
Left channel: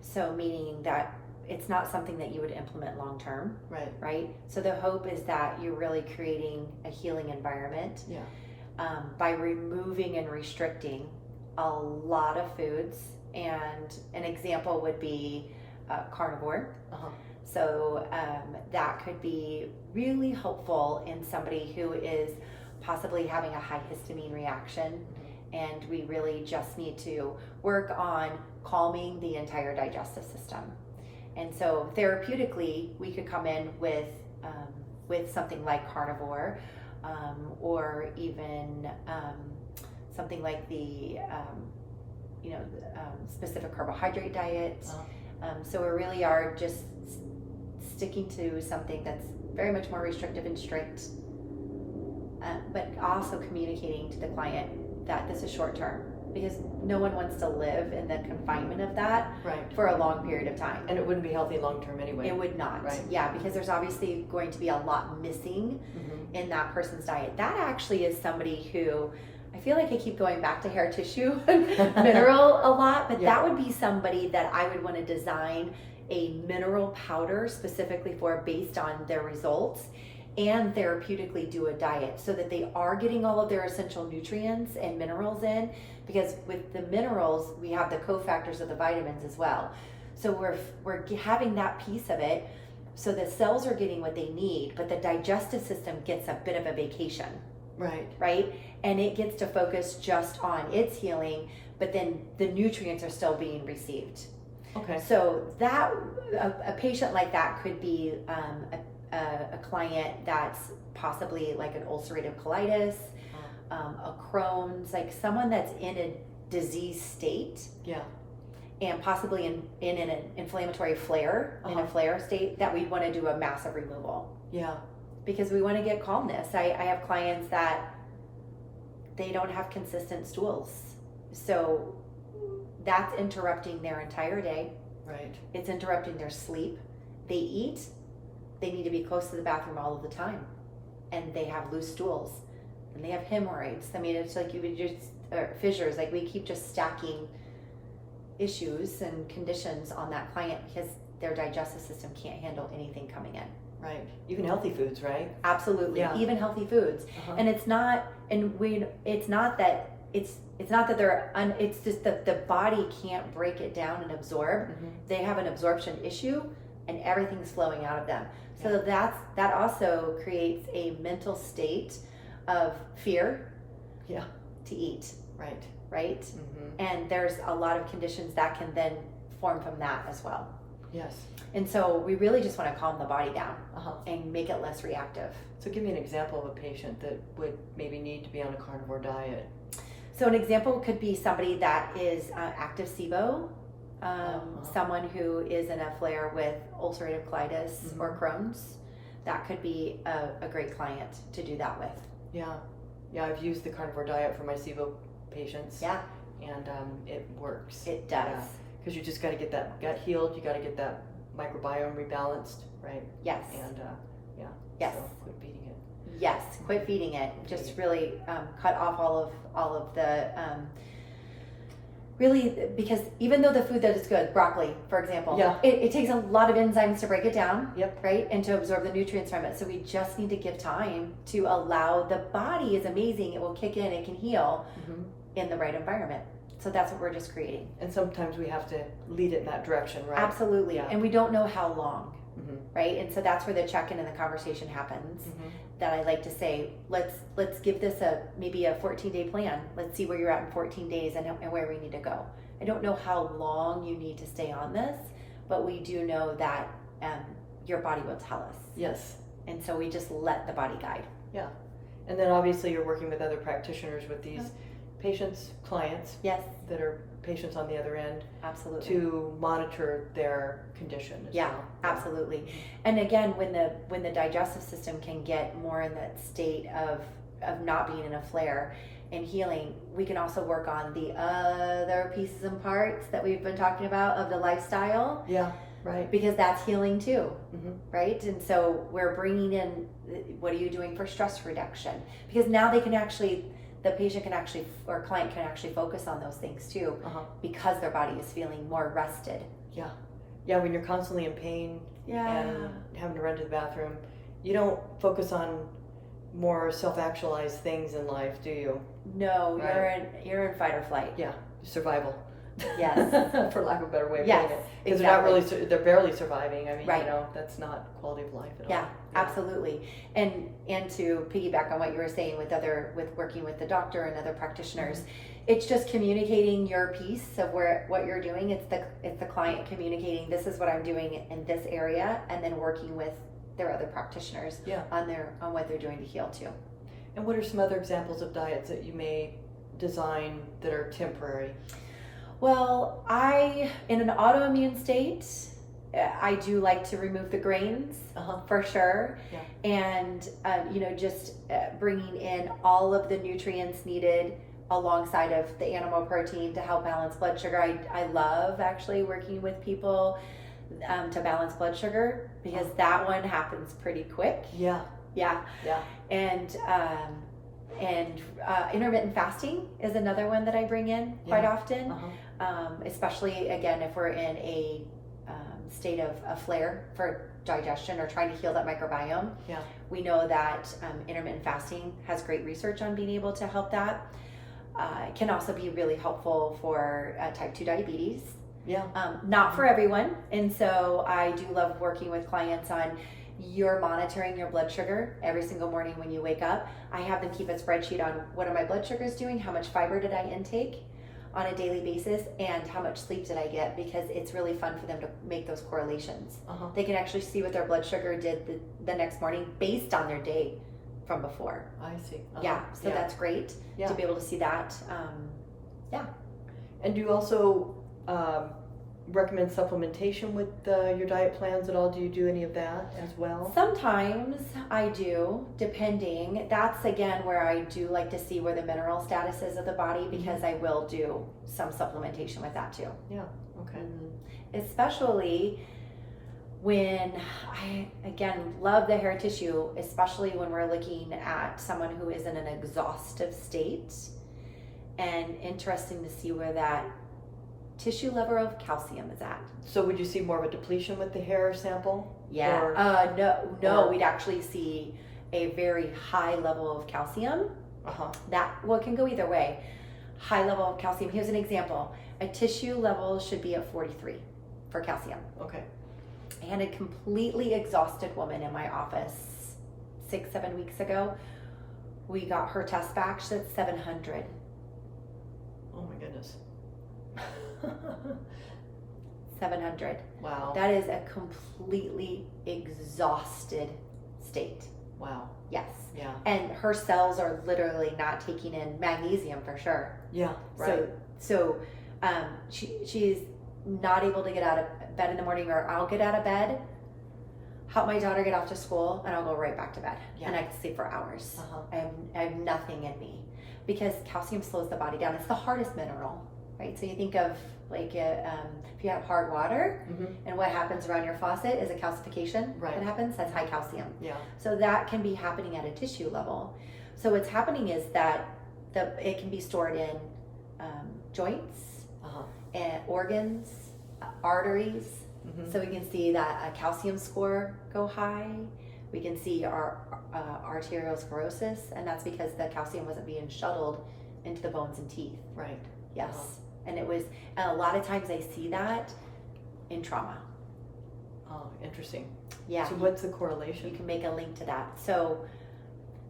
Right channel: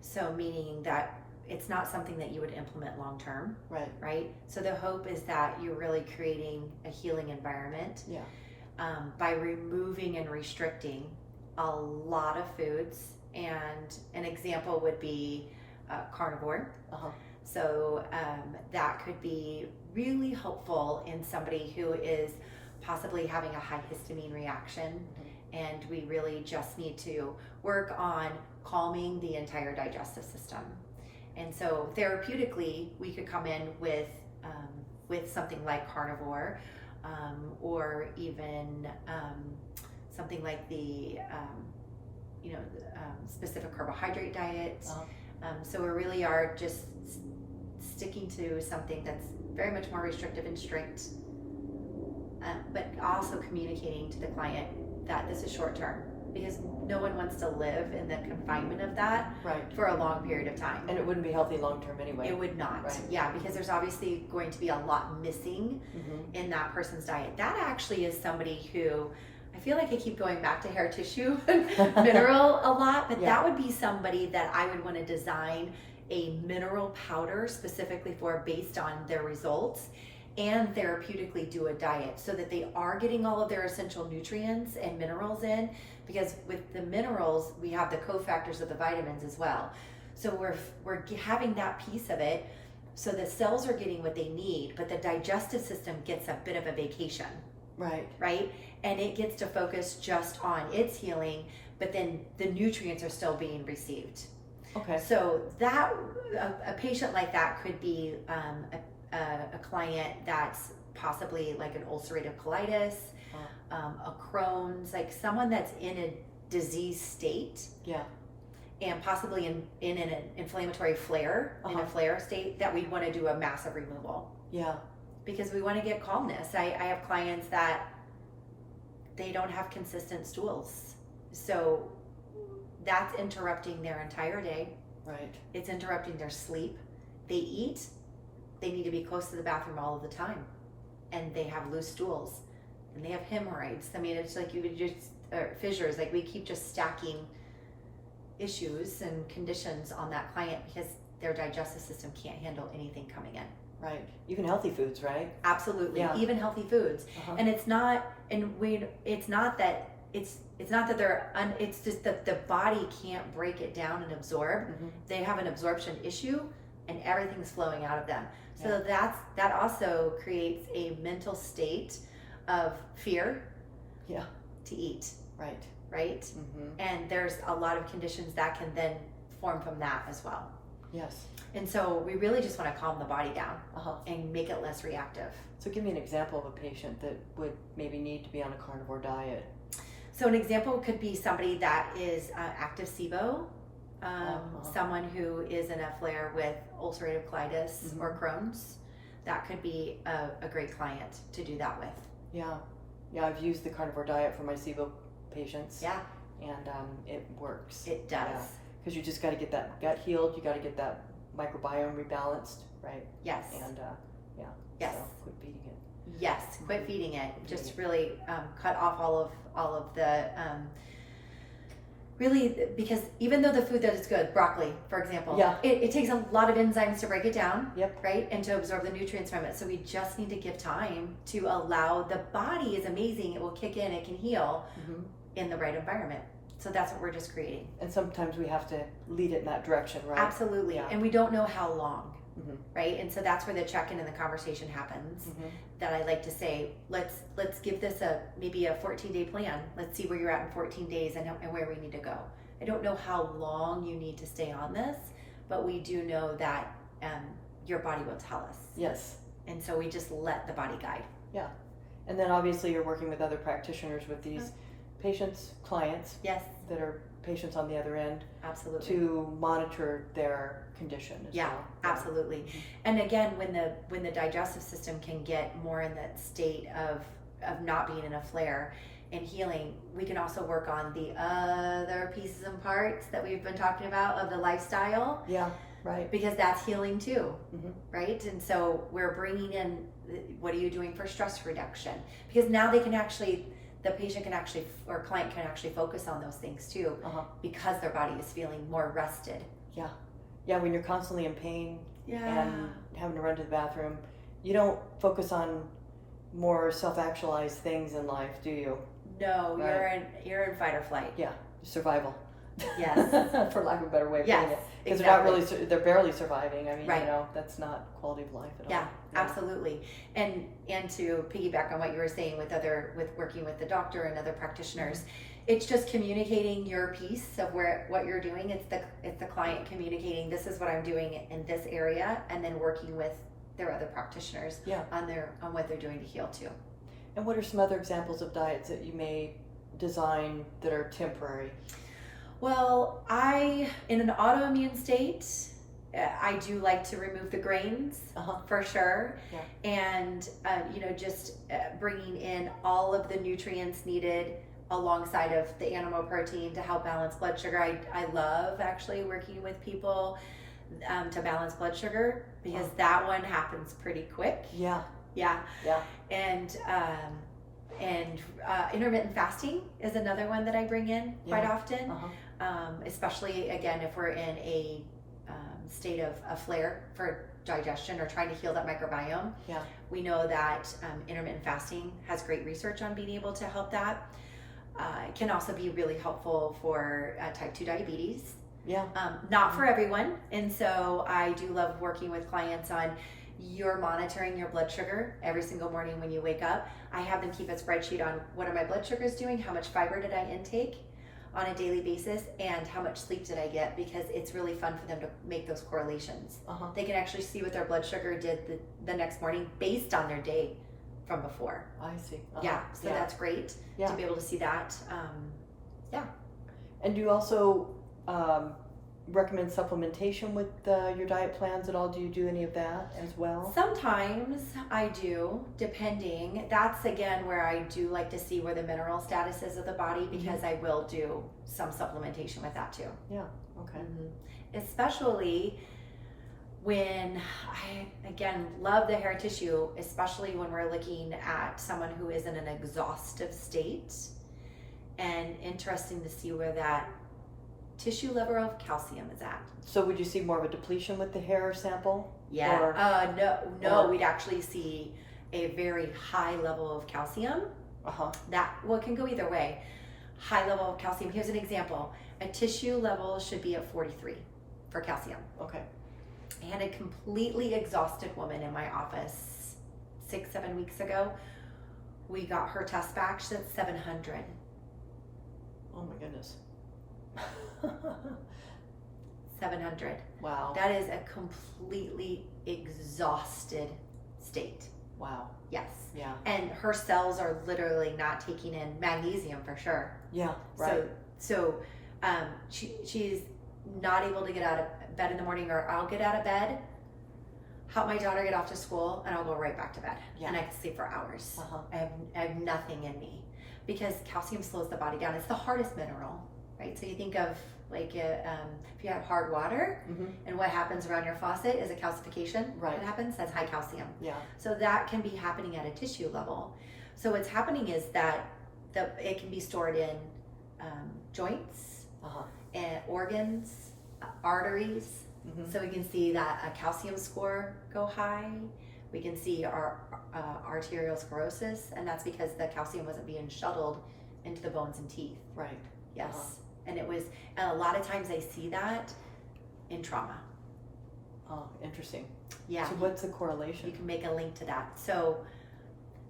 So meaning that it's not something that you would implement long term. Right. Right. So the hope is that you're really creating a healing environment. Yeah. By removing and restricting a lot of foods, and an example would be carnivore. So that could be really helpful in somebody who is possibly having a high histamine reaction, and we really just need to work on calming the entire digestive system. And so therapeutically, we could come in with something like carnivore, or even something like the specific carbohydrate diet. So we really are just sticking to something that's very much more restrictive and strict, but also communicating to the client that this is short term, because no one wants to live in the confinement of that for a long period of time. And it wouldn't be healthy long term anyway. It would not. Right. Yeah, because there's obviously going to be a lot missing in that person's diet. That actually is somebody who, I feel like I keep going back to hair tissue mineral a lot, but that would be somebody that I would want to design a mineral powder specifically for, based on their results, and therapeutically do a diet so that they are getting all of their essential nutrients and minerals in, because with the minerals we have the cofactors of the vitamins as well. So we're having that piece of it, so the cells are getting what they need, but the digestive system gets a bit of a vacation. Right? And it gets to focus just on its healing, but then the nutrients are still being received. Okay. So that a patient like that could be a client that's possibly like an ulcerative colitis, a Crohn's, like someone that's in a disease state. Yeah. And possibly in an inflammatory flare, in a flare state, that we'd want to do a massive removal. Yeah. Because we want to get calmness. I have clients that they don't have consistent stools. So that's interrupting their entire day. Right. It's interrupting their sleep. They eat. They need to be close to the bathroom all of the time. And they have loose stools. And they have hemorrhoids. I mean, it's like you would just, or fissures, like we keep just stacking issues and conditions on that client because their digestive system can't handle anything coming in. Right. Even healthy foods, right? Absolutely. Yeah. Even healthy foods. And it's not, it's not that they're, it's just that the body can't break it down and absorb. They have an absorption issue and everything's flowing out of them. So that also creates a mental state of fear. Yeah. to eat. Right. Right? Mm-hmm. And there's a lot of conditions that can then form from that as well. Yes. And so we really just want to calm the body down and make it less reactive. So give me an example of a patient that would maybe need to be on a carnivore diet. So an example could be somebody that is active SIBO, someone who is in a flare with ulcerative colitis or Crohn's. That could be a great client to do that with. Yeah. Yeah, I've used the carnivore diet for my SIBO patients. Yeah. And it works. It does. Because you just got to get that gut healed. You got to get that microbiome rebalanced, right? Yes. And yes. So quit feeding it. Yes, quit feeding it. Just really cut off all of the really, because even though the food that is good, broccoli, for example, it takes a lot of enzymes to break it down, right, and to absorb the nutrients from it. So we just need to give time to allow the body is amazing. It will kick in. It can heal in the right environment. So that's what we're just creating. And sometimes we have to lead it in that direction, right? Absolutely. Yeah. And we don't know how long, right? And so that's where the check-in and the conversation happens. That I like to say, let's give this maybe a 14-day plan. Let's see where you're at in 14 days and where we need to go. I don't know how long you need to stay on this, but we do know that your body will tell us. Yes. And so we just let the body guide. Yeah. And then obviously you're working with other practitioners with these patients, clients, that are patients on the other end, absolutely, to monitor their condition as well. Absolutely. And again, when the digestive system can get more in that state of not being in a flare and healing, we can also work on the other pieces and parts that we've been talking about of the lifestyle. Yeah, right. Because that's healing too, right? And so we're bringing in, what are you doing for stress reduction? Because now the patient can actually, or client can actually focus on those things too, because their body is feeling more rested. Yeah. Yeah, when you're constantly in pain and having to run to the bathroom, you don't focus on more self-actualized things in life, do you? No, right. you're in fight or flight. Yeah, survival. Yes. For lack of a better way of putting it. Because they're barely surviving. I mean, that's not quality of life at all. Yeah, absolutely. And to piggyback on what you were saying with working with the doctor and other practitioners, it's just communicating your piece of what you're doing. It's the client communicating, this is what I'm doing in this area, and then working with their other practitioners on what they're doing to heal too. And what are some other examples of diets that you may design that are temporary? Well, in an autoimmune state, I do like to remove the grains for sure. Yeah. And, just bringing in all of the nutrients needed alongside of the animal protein to help balance blood sugar. I love actually working with people to balance blood sugar, because that one happens pretty quick. Yeah. Yeah. Yeah. And intermittent fasting is another one that I bring in quite often, especially again if we're in a state of a flare for digestion or trying to heal that microbiome. Yeah, we know that intermittent fasting has great research on being able to help that. It can also be really helpful for type 2 diabetes. Yeah, not for everyone, and so I do love working with clients on you're monitoring your blood sugar every single morning when you wake up. I have them keep a spreadsheet on what are my blood sugars doing, how much fiber did I intake on a daily basis, and how much sleep did I get, because it's really fun for them to make those correlations. They can actually see what their blood sugar did the next morning based on their day from before. I see. Yeah, so that's great to be able to see that. And do you also recommend supplementation with your diet plans at all? Do you do any of that as well? Sometimes I do, depending. That's again where I do like to see where the mineral status is of the body, because I will do some supplementation with that too. Yeah, okay. Especially when I, again, love the hair tissue, especially when we're looking at someone who is in an exhaustive state, and interesting to see where that tissue level of calcium is at. So would you see more of a depletion with the hair sample? Yeah. No. We'd actually see a very high level of calcium. It can go either way. High level of calcium. Here's an example. A tissue level should be at 43 for calcium. Okay. I had a completely exhausted woman in my office 6-7 weeks ago. We got her test back. She's at 700. Oh my goodness. 700. Wow. That is a completely exhausted state. Wow. Yes. Yeah. And her cells are literally not taking in magnesium for sure. Yeah. Right. So she's not able to get out of bed in the morning, or I'll get out of bed, help my daughter get off to school, and I'll go right back to bed. Yeah. And I can sleep for hours. Uh-huh. I have nothing in me, because calcium slows the body down. It's the hardest mineral, right? So you think of like if you have hard water, and what happens around your faucet is a calcification. Right. What happens? That's high calcium. Yeah. So that can be happening at a tissue level. So what's happening is that it can be stored in joints, and organs, arteries. So we can see that a calcium score go high. We can see our arteriosclerosis, and that's because the calcium wasn't being shuttled into the bones and teeth. Right. Yes. And a lot of times I see that in trauma. Oh, interesting. Yeah. So what's the correlation? You can make a link to that. So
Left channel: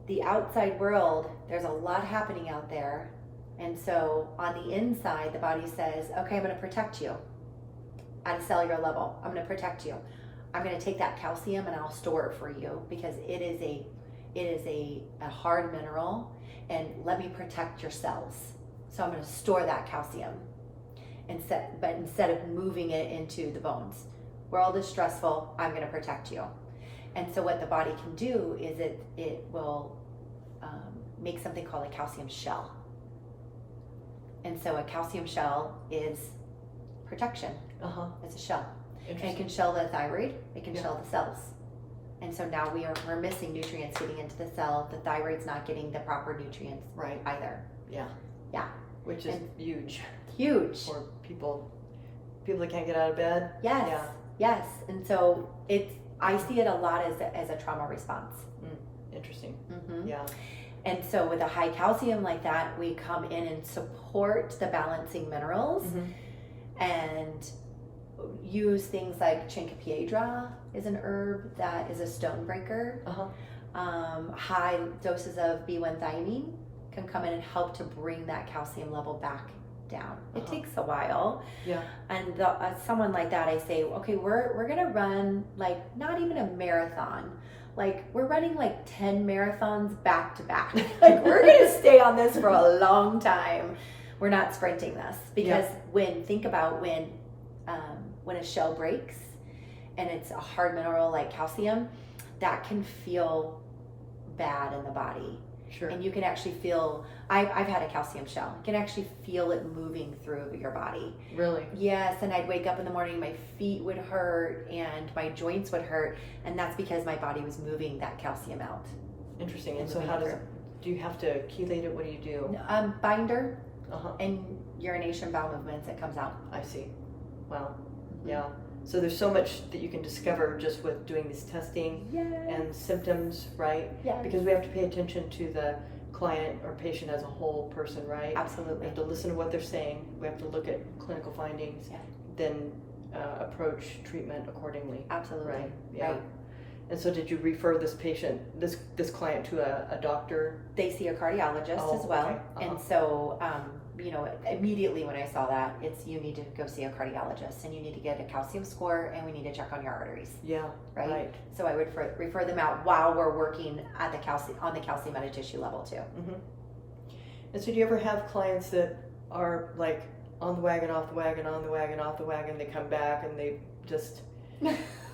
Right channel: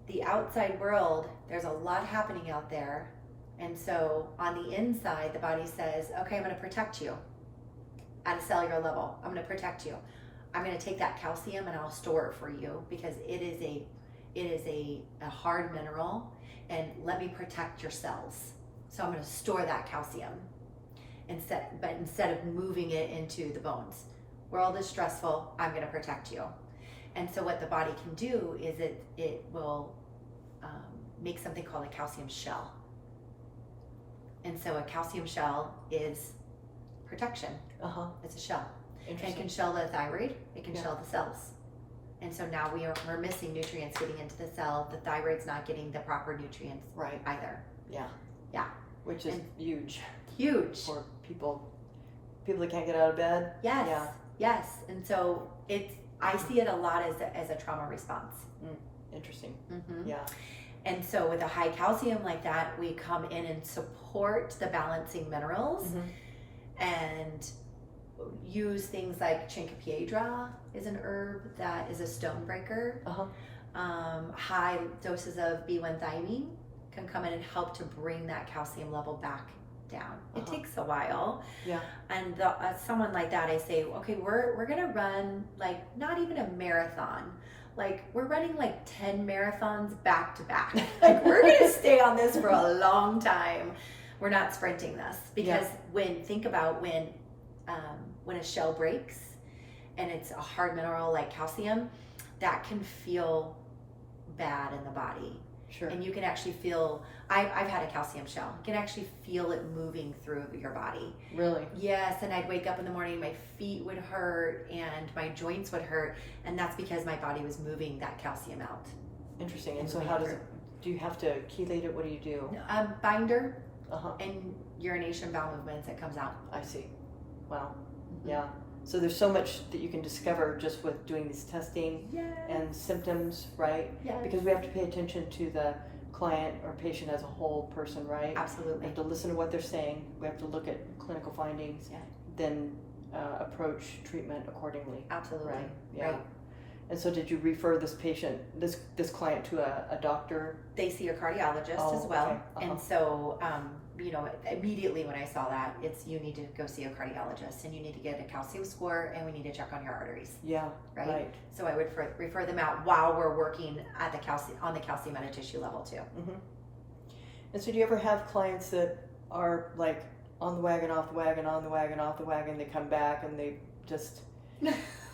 the outside world, there's a lot happening out there. And so on the inside, the body says, okay, I'm going to protect you at a cellular level. I'm going to protect you. I'm going to take that calcium and I'll store it for you, because it is a hard mineral, and let me protect your cells. So I'm going to store that calcium instead of moving it into the bones. World is stressful. I'm going to protect you. And so what the body can do is it will make something called a calcium shell. And so a calcium shell is protection. It's a shell. It can shell the thyroid. It can shell the cells. And so now we're missing nutrients getting into the cell. The thyroid's not getting the proper nutrients either. Yeah. Yeah. Which is huge. Huge. For people that can't get out of bed. Yes. Yeah. Yes. And so I see it a lot as a trauma response. Interesting. Yeah. And so with a high calcium like that, we come in and support the balancing minerals and use things like Chinquapiedrah is an herb that is a stone breaker. High doses of B1 thiamine can come in and help to bring that calcium level back down. It takes a while. Yeah. And someone like that, I say, okay, we're gonna run like not even a marathon. Like we're running like 10 marathons back to back. Like we're gonna stay on this for a long time. We're not sprinting this, because when a shell breaks and it's a hard mineral like calcium, that can feel bad in the body. Sure. And you can actually feel, I've had a calcium shell. You can actually feel it moving through your body. Really? Yes, and I'd wake up in the morning, my feet would hurt and my joints would hurt, and that's because my body was moving that calcium out. Interesting. And so do you have to chelate it? What do you do? Binder and urination, bowel movements, it comes out. I see. Wow. Yeah. So there's so much that you can discover just with doing this testing and symptoms, right? Yeah. Because we have to pay attention to the client or patient as a whole person, right? Absolutely. We have to listen to what they're saying. We have to look at clinical findings, then approach treatment accordingly. Absolutely. Right. Yeah. Right. And so did you refer this client to a doctor? They see a cardiologist as well. Okay. And so, immediately when I saw that, you need to go see a cardiologist, and you need to get a calcium score, and we need to check on your arteries. Yeah. Right. So I would refer them out while we're working at on the calcium at a tissue level too. And so do you ever have clients that are like on the wagon, off the wagon, on the wagon, off the wagon, they come back and they just...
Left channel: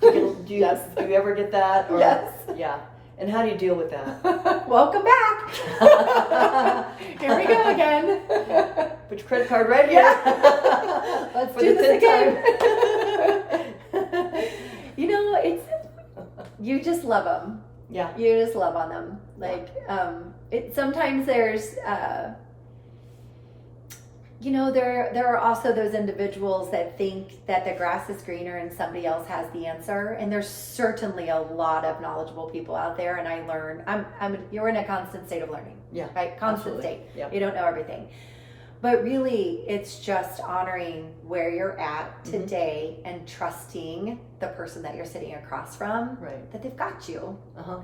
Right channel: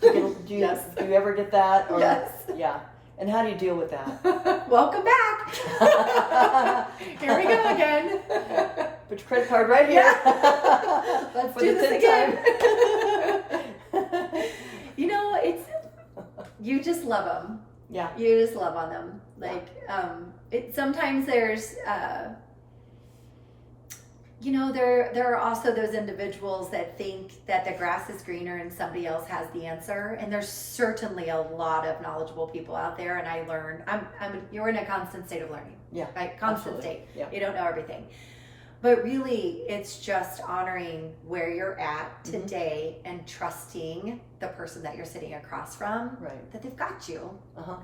Do you ever get that? Or, yes. Yeah. And how do you deal with that? Welcome back. Here we go again. Put your credit card right here. Let's do this again. You just love them. Yeah. You just love on them. Like, sometimes there's, there are also those individuals that think that the grass is greener and somebody else has the answer. And there's certainly a lot of knowledgeable people out there. And I learn, you're in a constant state of learning. Yeah. Right? Constant state. Yeah. You don't know everything. But really, it's just honoring where you're at today and trusting the person that you're sitting across from, that they've got you.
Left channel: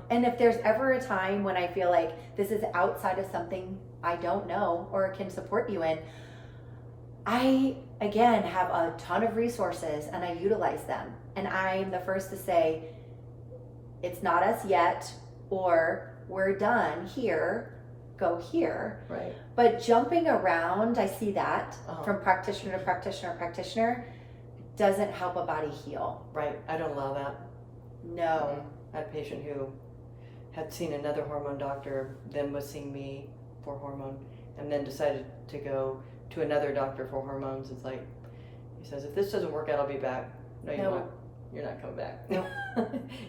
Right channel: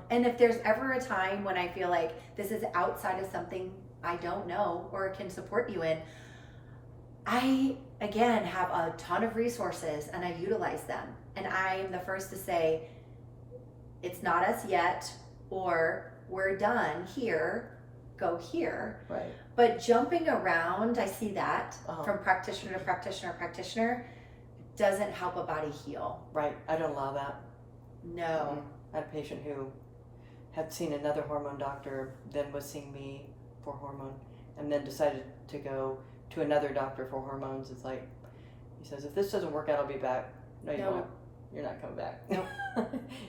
And if there's ever a time when I feel like this is outside of something I don't know or can support you in, I, again, have a ton of resources and I utilize them. And I'm the first to say, it's not us yet, or we're done here, go here. Right. But jumping around, I see that Uh-huh. from practitioner to practitioner to practitioner, doesn't help a body heal. Right. I don't allow that. No. I had a patient who had seen another hormone doctor, then was seeing me for hormone, and then decided to go to another doctor for hormones. It's like, he says, if this doesn't work out, I'll be back. No, you won't. You're not coming back. No.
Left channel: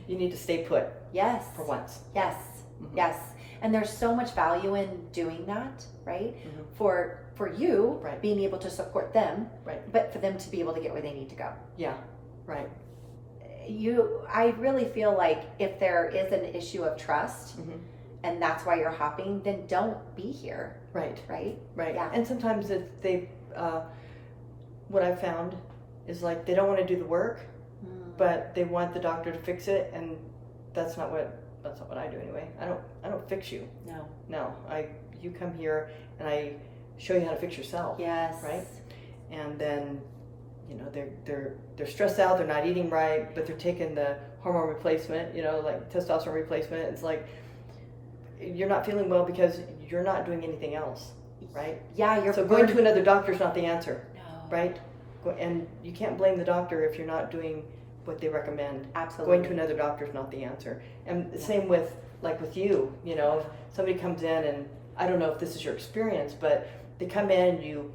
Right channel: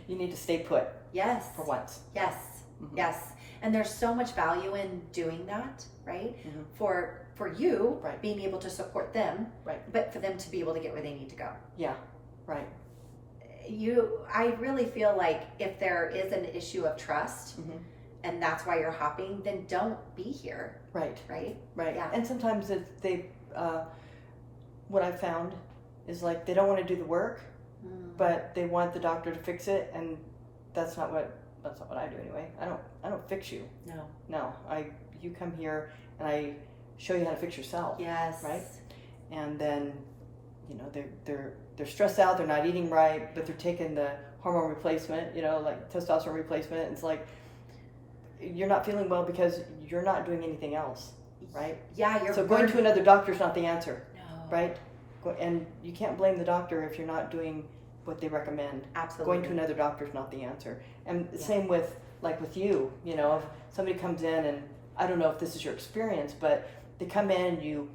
You need to stay put. Yes. For once. Yes. Mm-hmm. Yes. And there's so much value in doing that, right? Mm-hmm. For you, right. being able to support them, right. but for them to be able to get where they need to go. Yeah. Right. I really feel like if there is an issue of trust, mm-hmm. and that's why you're hopping, then don't be here. Right. Right. Right. Yeah. And sometimes what I've found is like they don't want to do the work, but they want the doctor to fix it, and that's not what I do anyway. I don't fix you. No. You come here and I show you how to fix yourself. Yes. Right. And then, they're stressed out. They're not eating right, but they're taking the hormone replacement. Like testosterone replacement. It's like you're not feeling well because you're not doing anything else. Right. Yeah. So going to another doctor is not the answer. No. Right. And you can't blame the doctor if you're not doing what they recommend. Absolutely. Going to another doctor is not the answer. And same with you, if somebody comes in, and I don't know if this is your experience, but they come in, you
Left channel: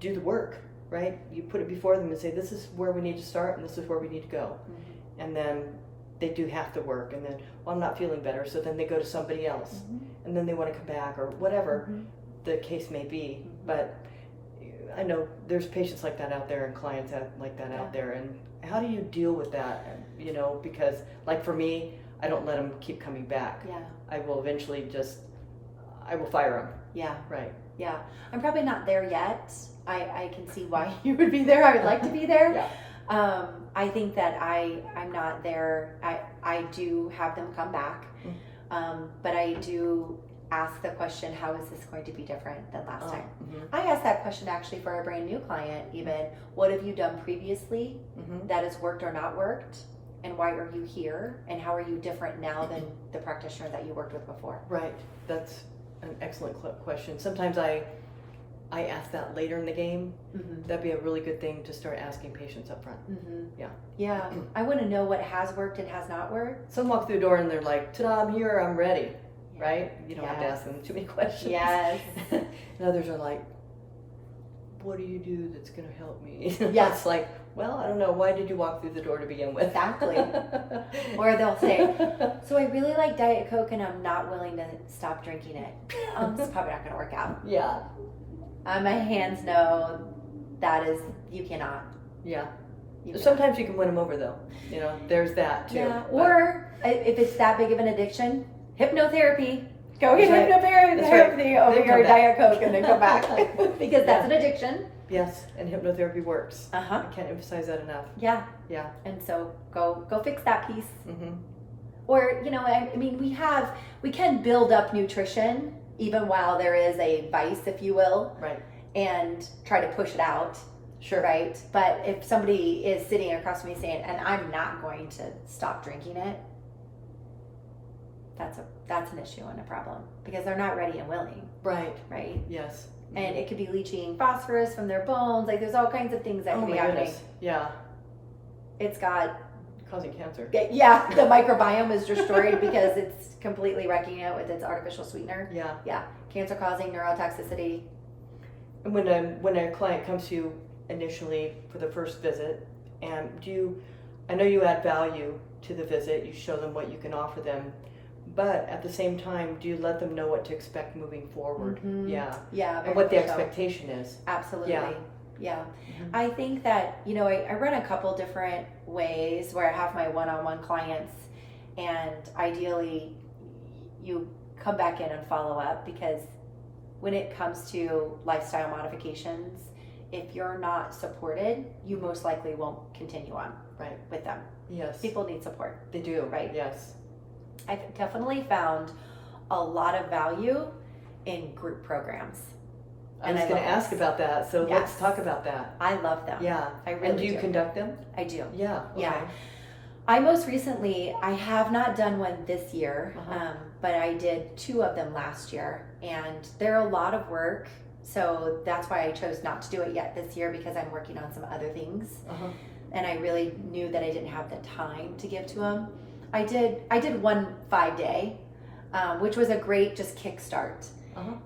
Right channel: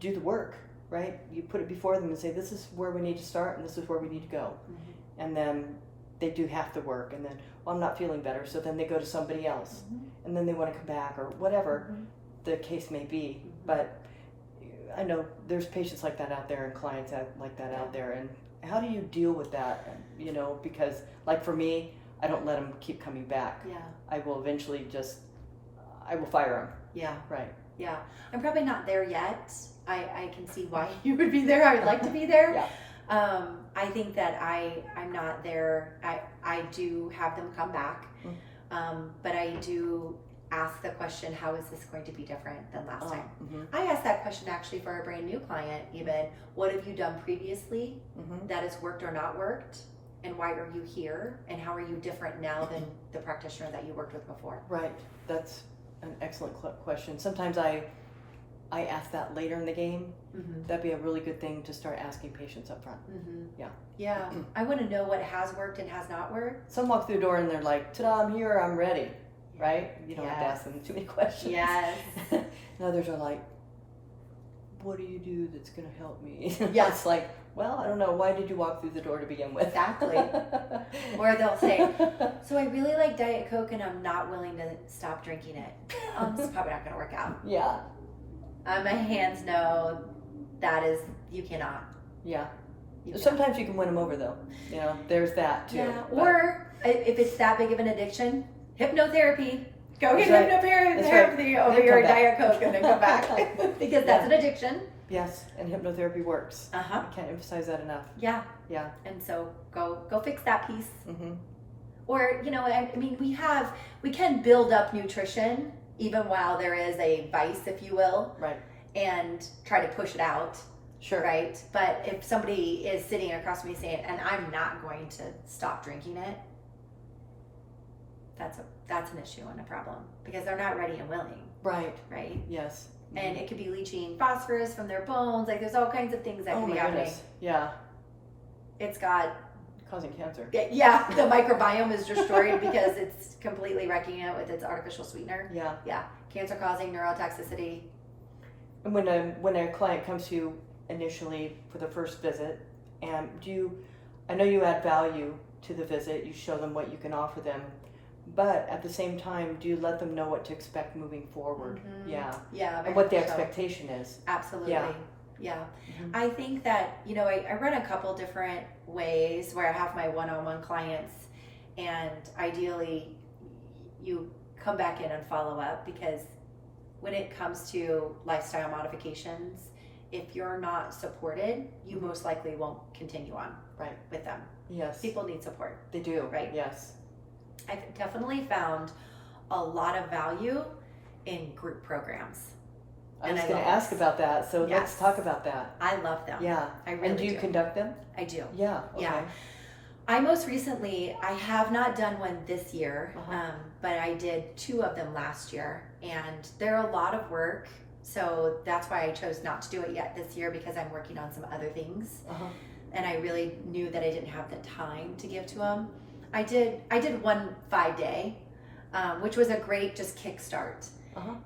do the work, right? You put it before them and say, this is where we need to start and this is where we need to go. Mm-hmm. And then they do half the work, and then, well, I'm not feeling better, so then they go to somebody else. Mm-hmm. And then they want to come back, or whatever mm-hmm. the case may be. Mm-hmm. But I know there's patients like that out there and clients like that out there. And how do you deal with that? Because like for me, I don't let them keep coming back. Yeah. I will eventually I will fire them. Yeah. Right. Yeah. I'm probably not there yet. I can see why you would be there. I would like to be there. Yeah. I think that I'm not there. I do have them come back. Mm-hmm. But I do ask the question, how is this going to be different than last time? Mm-hmm. I asked that question actually for a brand new client, even. What have you done previously mm-hmm. that has worked or not worked? And why are you here? And how are you different now than the practitioner that you worked with before? Right. That's an excellent question. Sometimes I ask that later in the game. Mm-hmm. That'd be a really good thing to start asking patients up front. Mm-hmm. Yeah. Yeah. I want to know what has worked and has not worked. Some walk through the door and they're like, ta-da, I'm here, I'm ready. Right? You don't have to ask them too many questions. Yes. And others are like, what do you do that's going to help me? Yes. It's like, well, I don't know. Why did you walk through the door to begin with? Exactly. Or they'll say, so I really like Diet Coke and I'm not willing to stop drinking it. It's probably not going to work out. Yeah. My hands know you cannot. Yeah. Sometimes you can win them over though. There's that too. Yeah. Or if it's that big of an addiction, hypnotherapy. Go get hypnotherapy over your Diet Coke and then go back. Because that's an addiction. Yes, and hypnotherapy works. Uh-huh. I can't emphasize that enough. Yeah. Yeah. And so go fix that piece. Mm-hmm. Or, we can build up nutrition even while there is a vice, if you will. Right. And try to push it out. Sure. Right. But if somebody is sitting across from me saying, and I'm not going to stop drinking it, that's an issue and a problem because they're not ready and willing. Right. Right. Yes. Mm-hmm. And it could be leaching phosphorus from their bones. Like there's all kinds of things that can be happening. Goodness. Yeah. It's got causing cancer. Yeah. The microbiome is destroyed because it's completely wrecking it with its artificial sweetener. Yeah. Yeah. Cancer causing neurotoxicity. And when a client comes to you initially for the first visit, and I know you add value to the visit, you show them what you can offer them. But at the same time, do you let them know what to expect moving forward? Mm-hmm. Yeah. Yeah. And what the expectation is. Absolutely. Yeah. Yeah. Mm-hmm. I think that, I run a couple different ways where I have my one-on-one clients, and ideally you come back in and follow up, because when it comes to lifestyle modifications, if you're not supported, you most likely won't continue on with them. Yes. People need support. They do. Right? Yes. I definitely found a lot of value in group programs. I was going to ask about that, so let's talk about that. I love them. Yeah. I really and do you conduct them? I do. Yeah. Okay. Yeah. I most recently, I have not done one this year, but I did 2 of them last year, and they're a lot of work, so that's why I chose not to do it yet this year, because I'm working on some other things, and I really knew that I didn't have the time to give to them. I did one 5-day, which was a great just kickstart.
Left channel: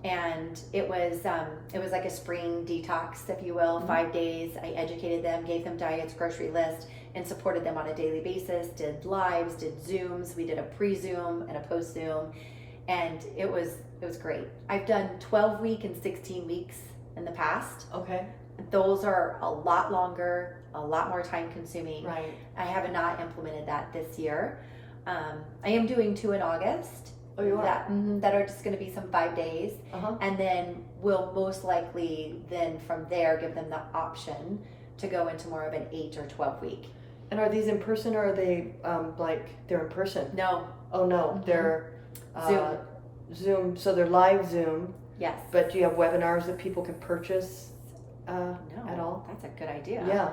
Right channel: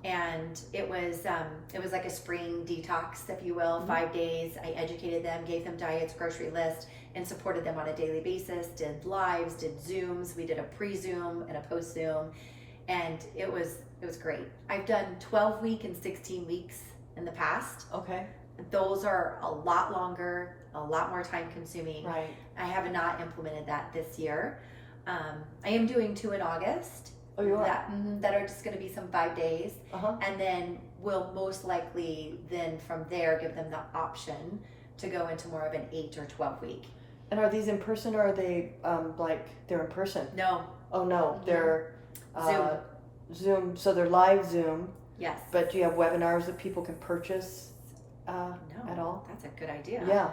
And it was like a spring detox, if you will, 5 days. I educated them, gave them diets, grocery list, and supported them on a daily basis. Did lives, did Zooms. We did a pre-Zoom and a post-Zoom, and it was great. I've done 12-week and 16 weeks in the past. Okay. Those are a lot longer, a lot more time consuming. Right. I have not implemented that this year. I am doing 2 in August. Oh, you are? That are just going to be some 5 days. And then we'll most likely then from there give them the option to go into more of an 8 or 12 week. And are these in person, or are they they're in person? No. Oh no, they're Zoom. So they're live Zoom. Yes. But do you have webinars that people can purchase no, at all? That's a good idea. Yeah.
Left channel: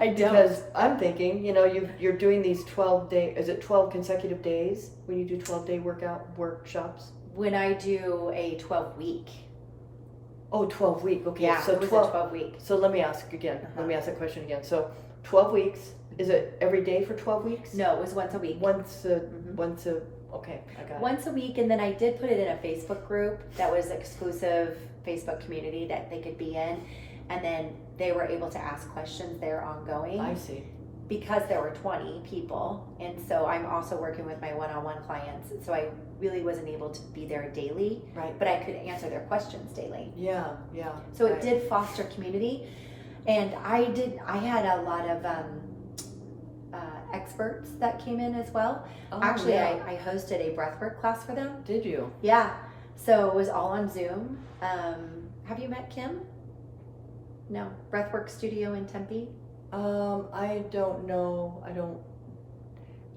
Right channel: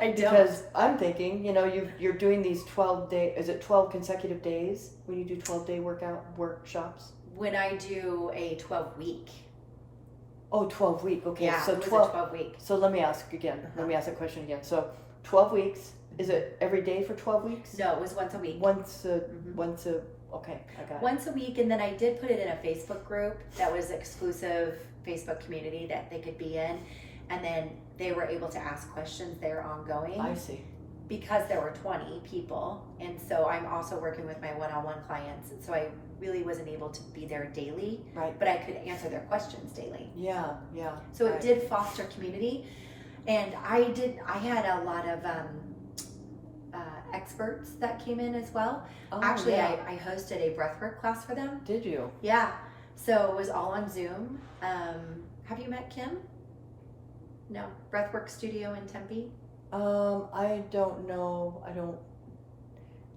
I don't. Because I'm thinking, you're doing these 12-day, is it 12 consecutive days when you do 12-day workshops? When I do a 12-week. Oh, 12-week. Okay. Yeah, so it was a 12-week. So let me ask again. Let me ask that question again. So 12 weeks. Is it every day for 12 weeks? No, it was once a week. Okay, I got it. Once a week, and then I did put it in a Facebook group that was exclusive Facebook community that they could be in, and then they were able to ask questions there ongoing. I see. Because there were 20 people, and so I'm also working with my one-on-one clients, so I really wasn't able to be there daily, right? But I could answer their questions daily. Yeah. So it did foster community, and I had a lot of experts that came in as well. Actually, I hosted a breathwork class for them. Did you? Yeah. So it was all on Zoom. Have you met Kim? No. Breathwork Studio in Tempe? I don't know.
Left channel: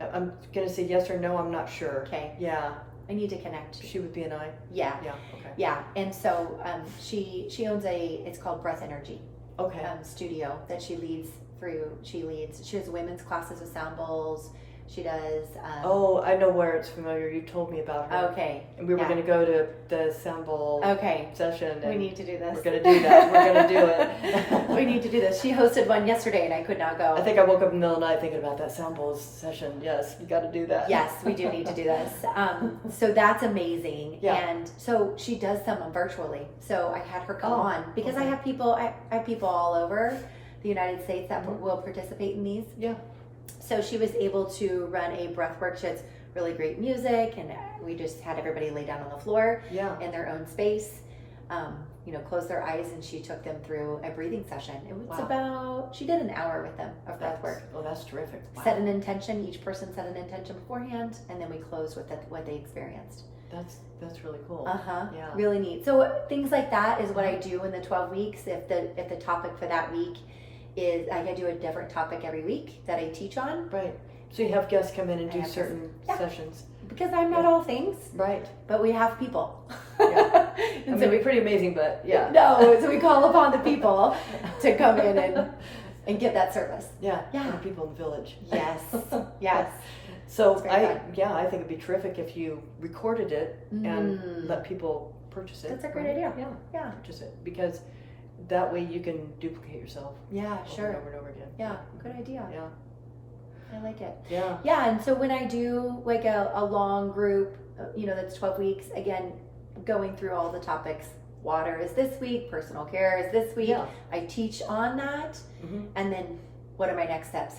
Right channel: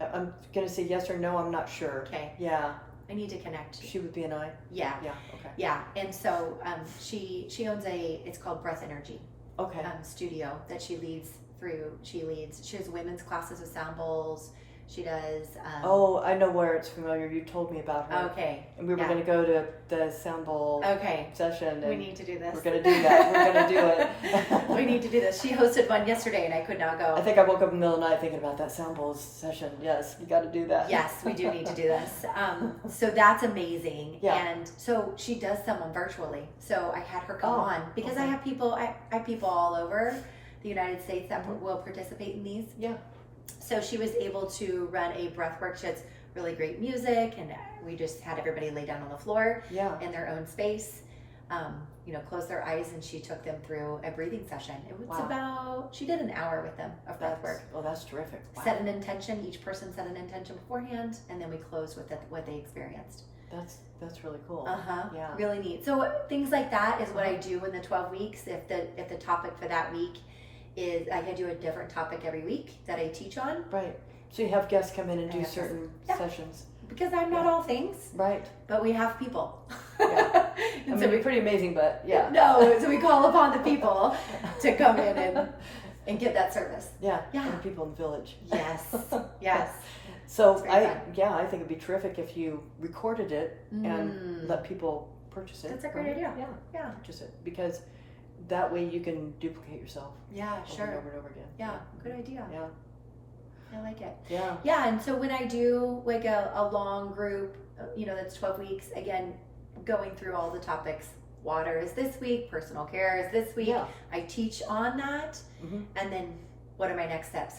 I'm going to say yes or no. I'm not sure. Okay. Yeah. I need to connect. She would be an I? Yeah. Yeah. Okay. Yeah. And so she owns it's called Breath Energy. Okay. Studio that she leads through. She has women's classes with sound bowls. She does. I know where it's familiar. You told me about her. Okay. And we were going to go to the sound bowl session. And we need to do this. We're going to do that. We're going to do it. We need to do this. She hosted one yesterday and I could not go. I think I woke up in the middle of the night thinking about that sound bowl session. Yes, we got to do that. Yes, we do need to do this. So that's amazing. Yeah. And so she does some virtually. So I had her come on because I have people all over the United States that will participate in these. Yeah. So she was able to run a breathwork. She has really great music, and we just had everybody lay down on the floor in their own space, close their eyes, and she took them through a breathing session. It was she did an hour with them of breathwork. Oh, that's terrific. Wow. Set an intention. Each person set an intention beforehand, and then we closed with what they experienced. That's really cool. Yeah. Really neat. So things like that is what I do in the 12 weeks. If the topic for that week is I do a different topic every week that I teach on. Right. So you have guests come in and do certain sessions. Because I'm not all things. Right. But we have people. Yeah. We're pretty amazing, but yeah. No, so we call upon the people to come in and get that service. Yeah. And the people in the village. Yes. Yes. So I think it'd be terrific if you recorded it and let people purchase it. That's a great idea. Yeah. Purchase it, because that way you can duplicate yourself. Yeah, sure. Over and over again. Yeah, good idea. Yeah. I like it. Yeah. Yeah, and so when I do like a long group, that's 12 weeks, again, going through all the topics. Water is this week, personal care is this week. Yeah. I teach on that, and then what are my next steps?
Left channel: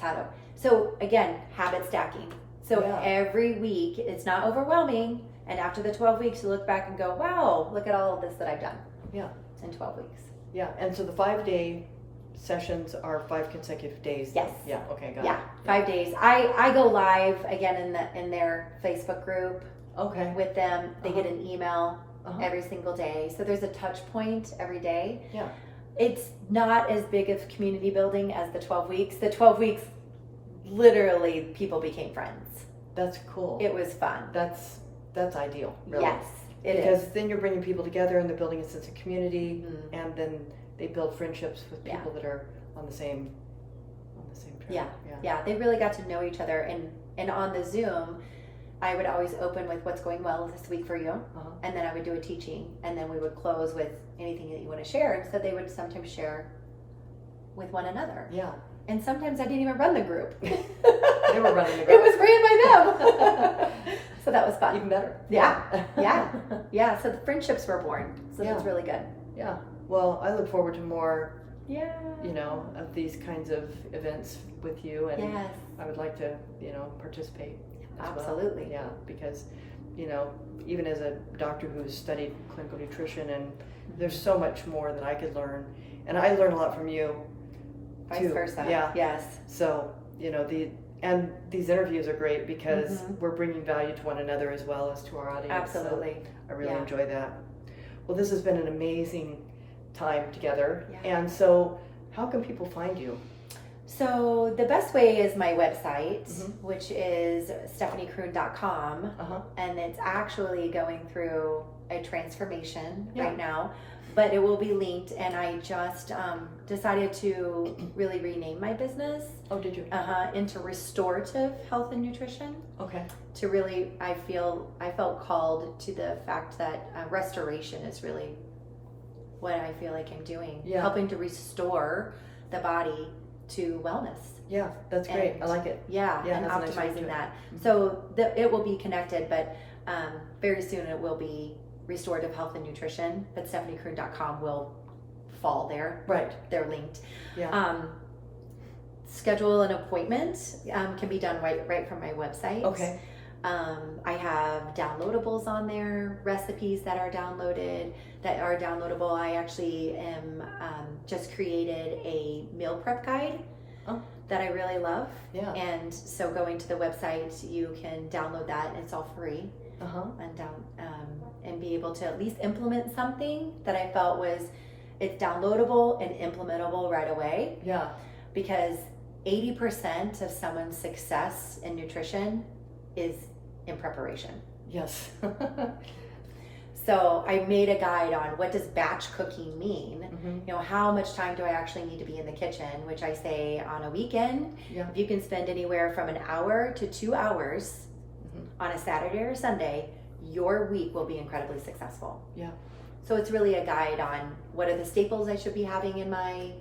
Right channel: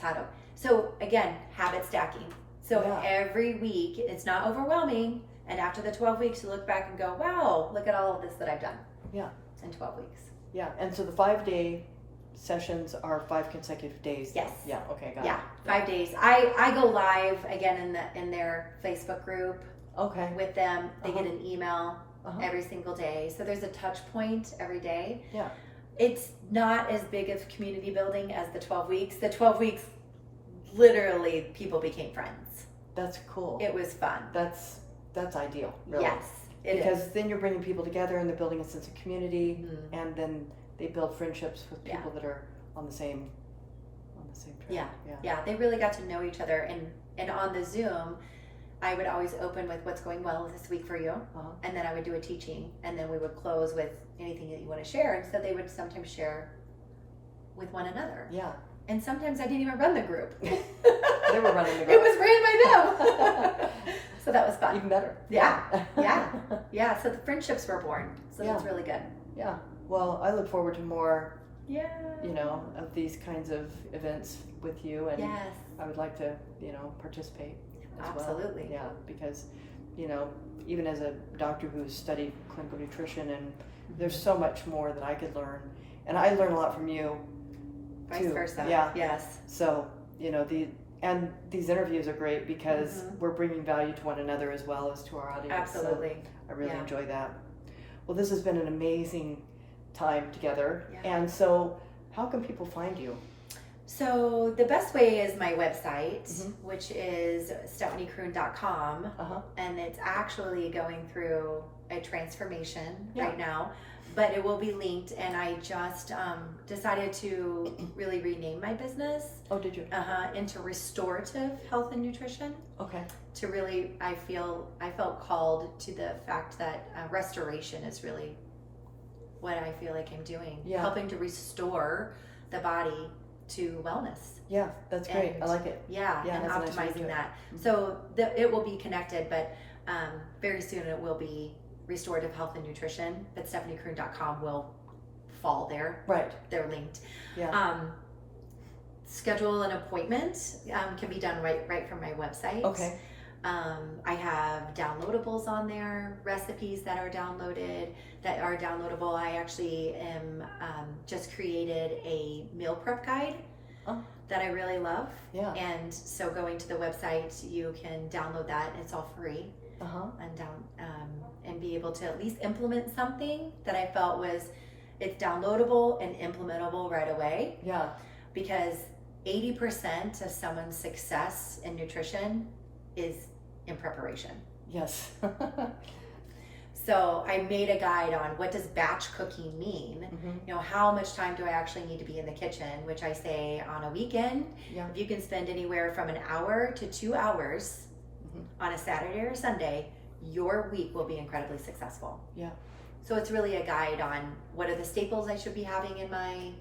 So again, habit stacking. So every week, it's not overwhelming, and after the 12 weeks, you look back and go, wow, look at all of this that I've done. Yeah. In 12 weeks. Yeah, and so the 5-day sessions are 5 consecutive days. Yes. Yeah. Okay. Got it. Yeah, 5 days. I go live again in their Facebook group. Okay. With them, they get an email every single day. So there's a touch point every day. Yeah. It's not as big of community building as the 12 weeks. The 12 weeks, literally, people became friends. That's cool. It was fun. That's ideal. Really. Yes. Because then you're bringing people together and they're building a sense of community, Mm-hmm. and then they build friendships with Yeah. people that are on the same track. Yeah, they really got to know each other, and on the Zoom, I would always open with what's going well this week for you, Uh-huh. and then I would do a teaching, and then we would close with anything that you want to share. And so they would sometimes share with one another, Yeah. and sometimes I didn't even run the group. They were running the It group. was ran by them. So that was fun. Even better. Yeah. Yeah. So the friendships were born. So Yeah. that's really good. Yeah. Well, I look forward to more, Yeah. of these kinds of events with you, and Yes. I would like to, participate as Absolutely. well. Yeah, because, even as a doctor who's studied clinical nutrition, and there's so much more that I could learn, and I learn a lot from you. Vice too. versa. Yeah. Yes. So, these interviews are great because Mhm. we're bringing value to one another as well as to our audience. So Absolutely. I really Yeah. enjoy that. Well, this has been an amazing time together. Yeah. And so, how can people find you? So the best way is my website, Mhm. which is stephaniekreun.com, Uh-huh. and it's actually going through a transformation Yeah. right now, but it will be linked. And I just decided to really rename my business Oh, did you? into Restorative Health and Nutrition. Okay. To really, I felt called to the fact that restoration is really what I feel like I'm doing, Yeah. helping to restore the body to wellness. Yeah, that's great. And I like it. Yeah, Yeah, and that's a nice way to do optimizing it. that. Mhm. So it will be connected, but very soon it will be Restorative Health and Nutrition, but stephaniekreun.com will fall there. Right. They're linked. Yeah. Schedule an appointment can be done right from my website. Okay. I have downloadables on there, recipes that are downloadable. I actually am just created a meal prep guide that I really love. Yeah. And so going to the website, you can download that, and it's all free, Uh-huh. and be able to at least implement something that I felt it's downloadable and implementable right away. Yeah. Because 80% of someone's success in nutrition is in preparation. Yes. So I made a guide on what does batch cooking mean. Mm-hmm. How much time do I actually need to be in the kitchen, which I say on a weekend, Yeah. if you can spend anywhere from an hour to 2 hours Mhm. on a Saturday or Sunday, your week will be incredibly successful. Yeah. So it's really a guide on what are the staples I should be having in my,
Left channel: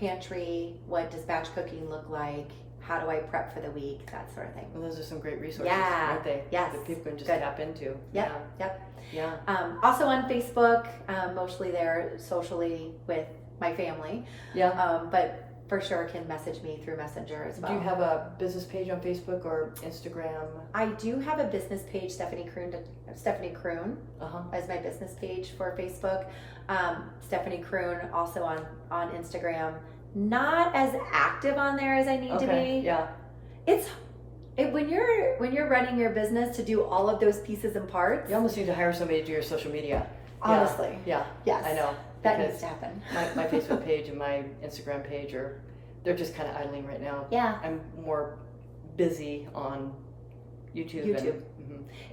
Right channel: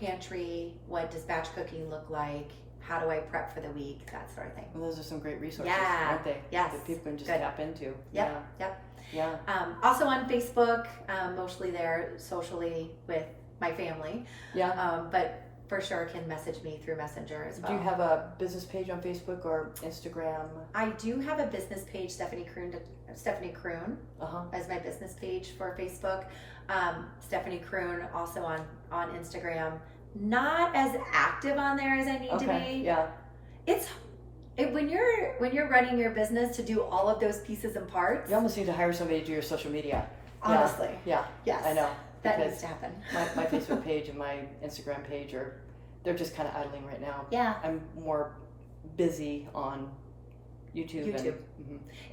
pantry, what does batch cooking look like, how do I prep for the week, that sort of thing. Well, those are some great resources, Yeah. aren't they? Yes. That people can just Good. tap into. Yep. Yep. Yeah. Also on Facebook, mostly there socially with my family, Yeah. but for sure can message me through Messenger as well. Do you have a business page on Facebook or Instagram? I do have a business page, Stephanie Kreun Uh-huh. as my business page for Facebook. Stephanie Kreun also on Instagram. Not as active on there as I need to Okay. be. Yeah. When you're running your business to do all of those pieces and parts. You almost need to hire somebody to do your social media. Honestly. Yeah. Yes. I know. That Because needs to happen. my Facebook page and my Instagram page they're just kind of idling right now. Yeah. I'm more busy on YouTube. And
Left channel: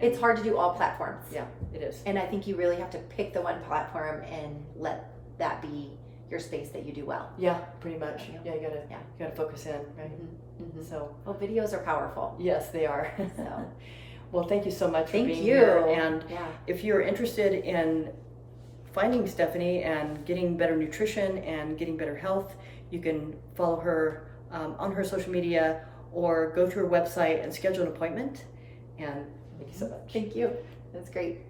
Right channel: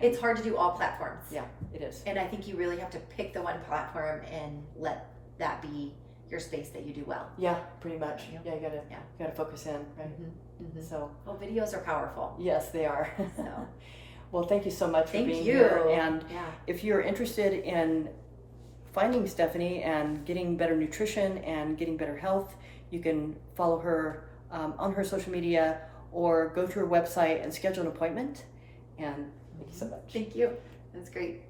It's hard to do all platforms. Yeah, it is. And I think you really have to pick the one platform and let that be your space that you do well. Yeah, pretty much. Yeah. Yeah, you gotta focus in, right? Mm-hmm. So Well, videos are powerful. yes, they are. So. Well, thank you so much for Thank being you. here. And Yeah. if you're interested in finding Stephanie and getting better nutrition and getting better health, you can follow her on her social media or go to her website and schedule an appointment. And thank you so much. Thank you. That's great.